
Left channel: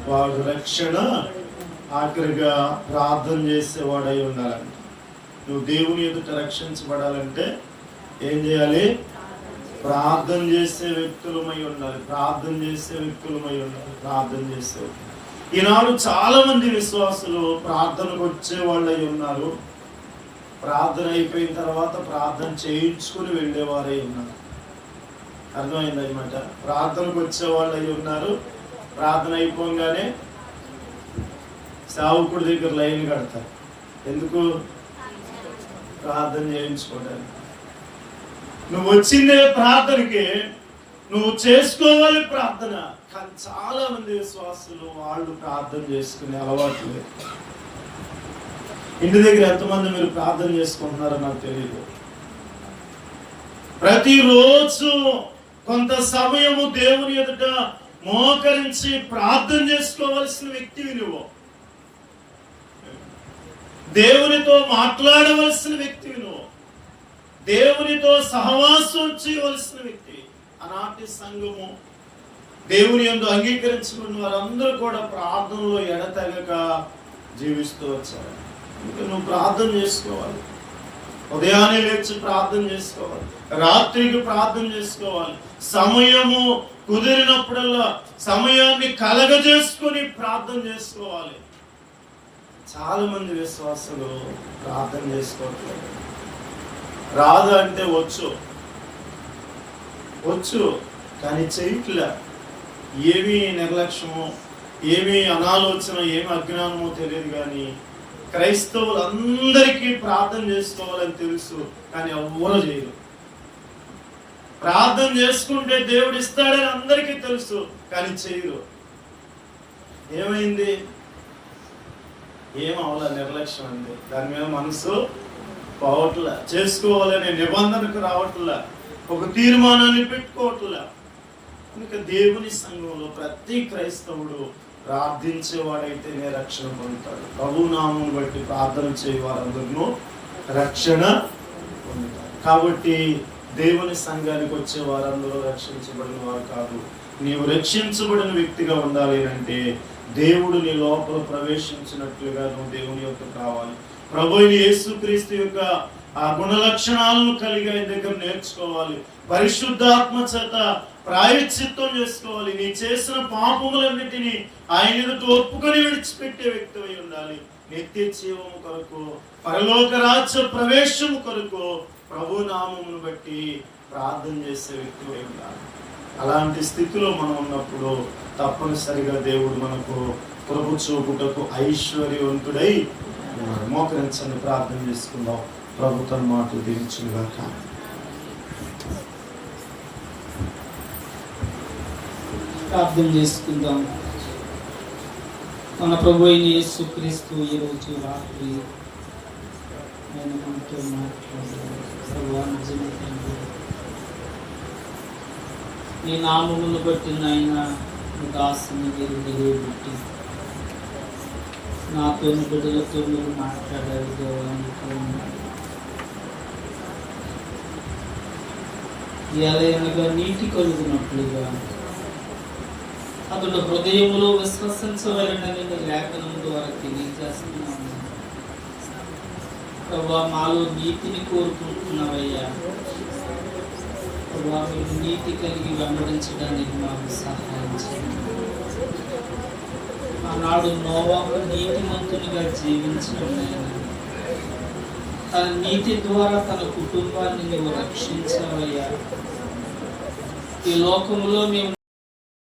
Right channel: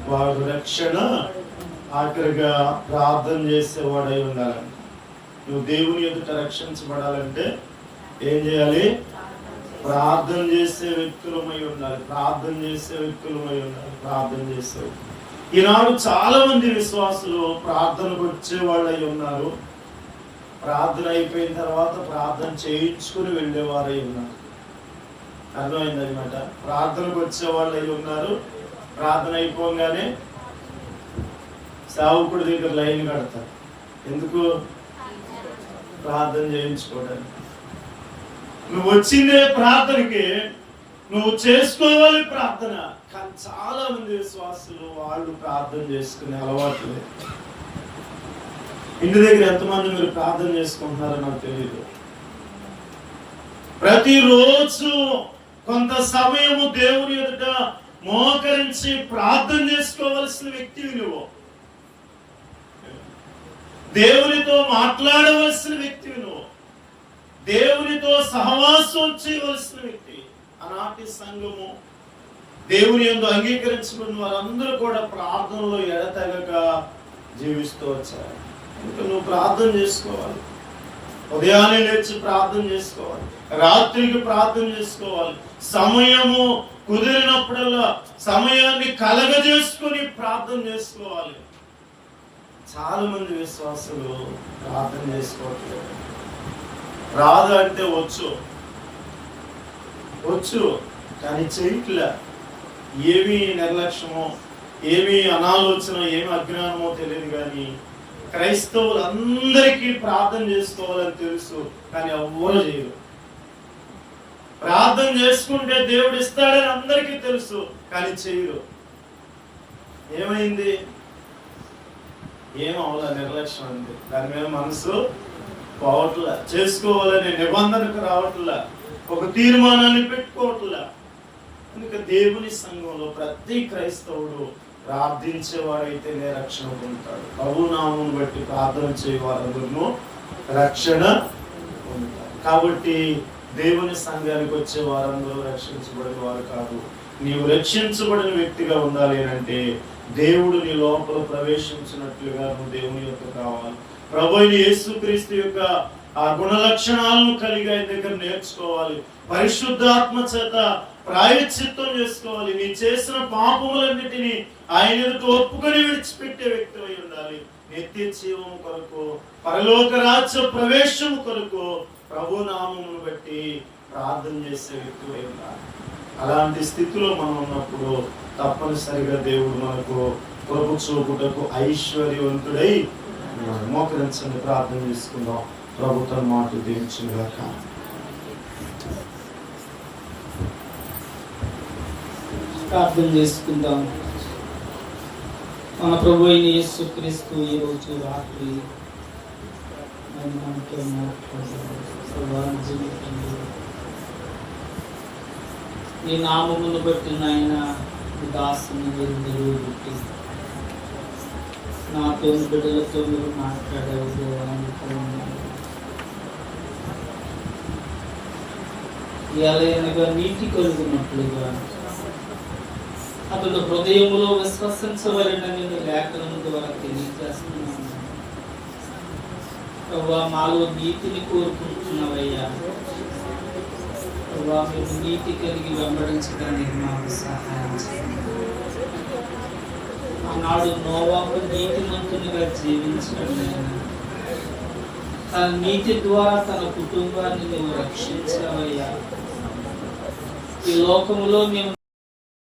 వాడు రక్షణ ఆఖరిగా ప్రార్థన చేసేవాడై ఉండాలని. నువ్వు దేవుని ఎదుట రక్షించబడాలంటే ఏం చేయాలి? ప్రార్థన చేసే వ్యక్తులమై ఉండాలి. ప్రార్థన చేసే వ్యక్తులమై ఉండాలి. ప్రార్థన చేసే ఈనాడు చాలా మంది విశ్వాసులు ప్రార్థనకు వచ్చే వాళ్ళు అయి ఉన్నారు. ప్రార్థన అయిపోయిన తర్వాత ప్రార్థన చేయించుకుని వెళ్ళేవారై ఉన్నారు. అర్థమైంది అనమాట. ప్రార్థనకు వచ్చే వాళ్ళు అయి ఉన్నారు. ప్రార్థన అయిపోగానే సేవకుడి దగ్గర లైన్ కడతారు. ఎందుకు? ప్రార్థన చేయించుకోవడానికి. నువ్వు వచ్చిందే ప్రార్థనకి, నువ్వు చేసుకోవాలి ప్రార్థన. కానీ చాలా మంది విశ్వాసులు వాళ్ళు ప్రార్థన చేసుకునే అలవాటు లేదు. ఇంటి దగ్గర ఎంతమంది మీరు ప్రార్థన చేసుకుంటున్నారో నాకు తెలియదు. ప్రతిరోజు కొంత సమయము దేవుని ఎదుట మోకరించి ప్రార్థన చేసుకోవలసిన వ్యక్తివి నువ్వు. దేవునితో మాట్లాడవలసిన వ్యక్తివి నువ్వు. దేవునితో సహవాసం చేయవలసిన వ్యక్తి. ఆనాటి సంఘము దేవుని యందు అంగీకరించుకున్న వారందరూ కూడా ప్రార్థనలో ఎడతెగక జీవిస్తూ వచ్చారు. నువ్వు ప్రార్థన చేసుకోవాలి. ఉదయాన్నే లేచి ప్రార్థన చేసుకోవాలి. రాత్రికి ప్రార్థన చేసుకోవాలి. సమయము కుదిరినప్పుడల్లా సమయాన్ని కలగజేసుకుని ప్రార్థన చేసుకోవాలి. చాలా మంది విశ్వాసులు ప్రార్థన చేసుకోవట్లేదు. రాదు అంటే వచ్చు కానీ చేయట్లే. ఏమి నిర్లక్ష్యమో, ఏమి అనాలోచన, ఏమి అజ్ఞానమో తెలియదు. కానీ క్రైస్తవులందరికీ ప్రార్థన చేసుకోవాలని తెలుసు, కానీ ఎవ్వరు చేయరు. ప్రార్థన చేసుకుంటే దేవుడు ఇస్తాడని అందరికీ తెలుసు, కానీ చేయరు. ఏమైంది? ఏమవలా, నిర్లక్ష్యం అయింది. దాని మీద మనసు పోవట్లా, చేసుకోవాలనే నిబంధనకు రావట్లా, ఒక తీర్మానాన్ని పెట్టుకోవట్లా. ఇంకా దేవుని సంఘంలో ప్రతి క్రైస్తవుడు ప్రార్థించేవాడైతేనే రక్షణ పొందుతాడు. ప్రభునామమును బట్టి ప్రార్థన చేయవారందరూ రక్షణ పొందుతారు. కాబట్టి దేవుని సంఘానికి వచ్చే వారందరూ రక్షించబడిన వారు కాదు. నీవు రక్షించబడిన వ్యక్తిగా ఉండాలి అంటే దేవుడు నీ లోపల ప్రవేశించినట్లుగా నువ్వు దేవుని యొక్క కావాలి. ప్రభువైన యేసుక్రీస్తు యొక్క ఆ గుణ లక్షణాలను కలిగి ఆయన దగ్గర నేర్చుకోవాలి. పరిశుద్ధాత్మ చేత ప్రాయశ్చిత్తం చేసుకోవాలి. నీ చేసిన పాపములన్నిటినీ ఆయన ఒప్పుకొని విడిచిపెట్టే వ్యక్తి అయి ఉండాలి. నిత్య జీవము కొరకు, పరలోక రాజ్య ప్రవేశము కొరకు ప్రభు నామమును బట్టి ప్రార్థన చేసే వ్యక్తి అయి ఉండాలి. అలాంటి స్థితిలో మనం ఉన్నప్పుడు తప్పనిసరిగా దేవుడు మనకు ప్రభు చూపుటకు ఐశ్వర్యవంతుడై మోకరించండి, ప్రార్థన చేసుకుందాం. ప్రభుత్వం మాటలు దీవించుగాక. ప్రార్థన చేసుకుందాం. మన ప్రభు అయిన యేసుక్రీస్తు ఈ రోజు రాత్రి నీ నామమును బట్టి నాయన దాసుని నిలబెట్టి నాతో బిడ్డలతో మీరు మాట్లాడారు. ఎలాగనగా నీటి కలుగునట్లుగా అతను హృదయంలో విశ్వసించవలనని లేఖనం ద్వారా తెలియజేస్తున్నాను. ప్రభా, మాలో నీతిని కోరుకుంటున్నావయ్యా. ప్రభా, మేము నీతి కలిగి వెంబడించడానికి మాకు సహాయం చేయండి. ఆనాడు నోవాహు నీతిమంతునిగా జీవించడం, తన నీతి ద్వారా తన కుటుంబాన్ని నువ్వు రక్షించావయ్యా. ఈ లోకంలో మేము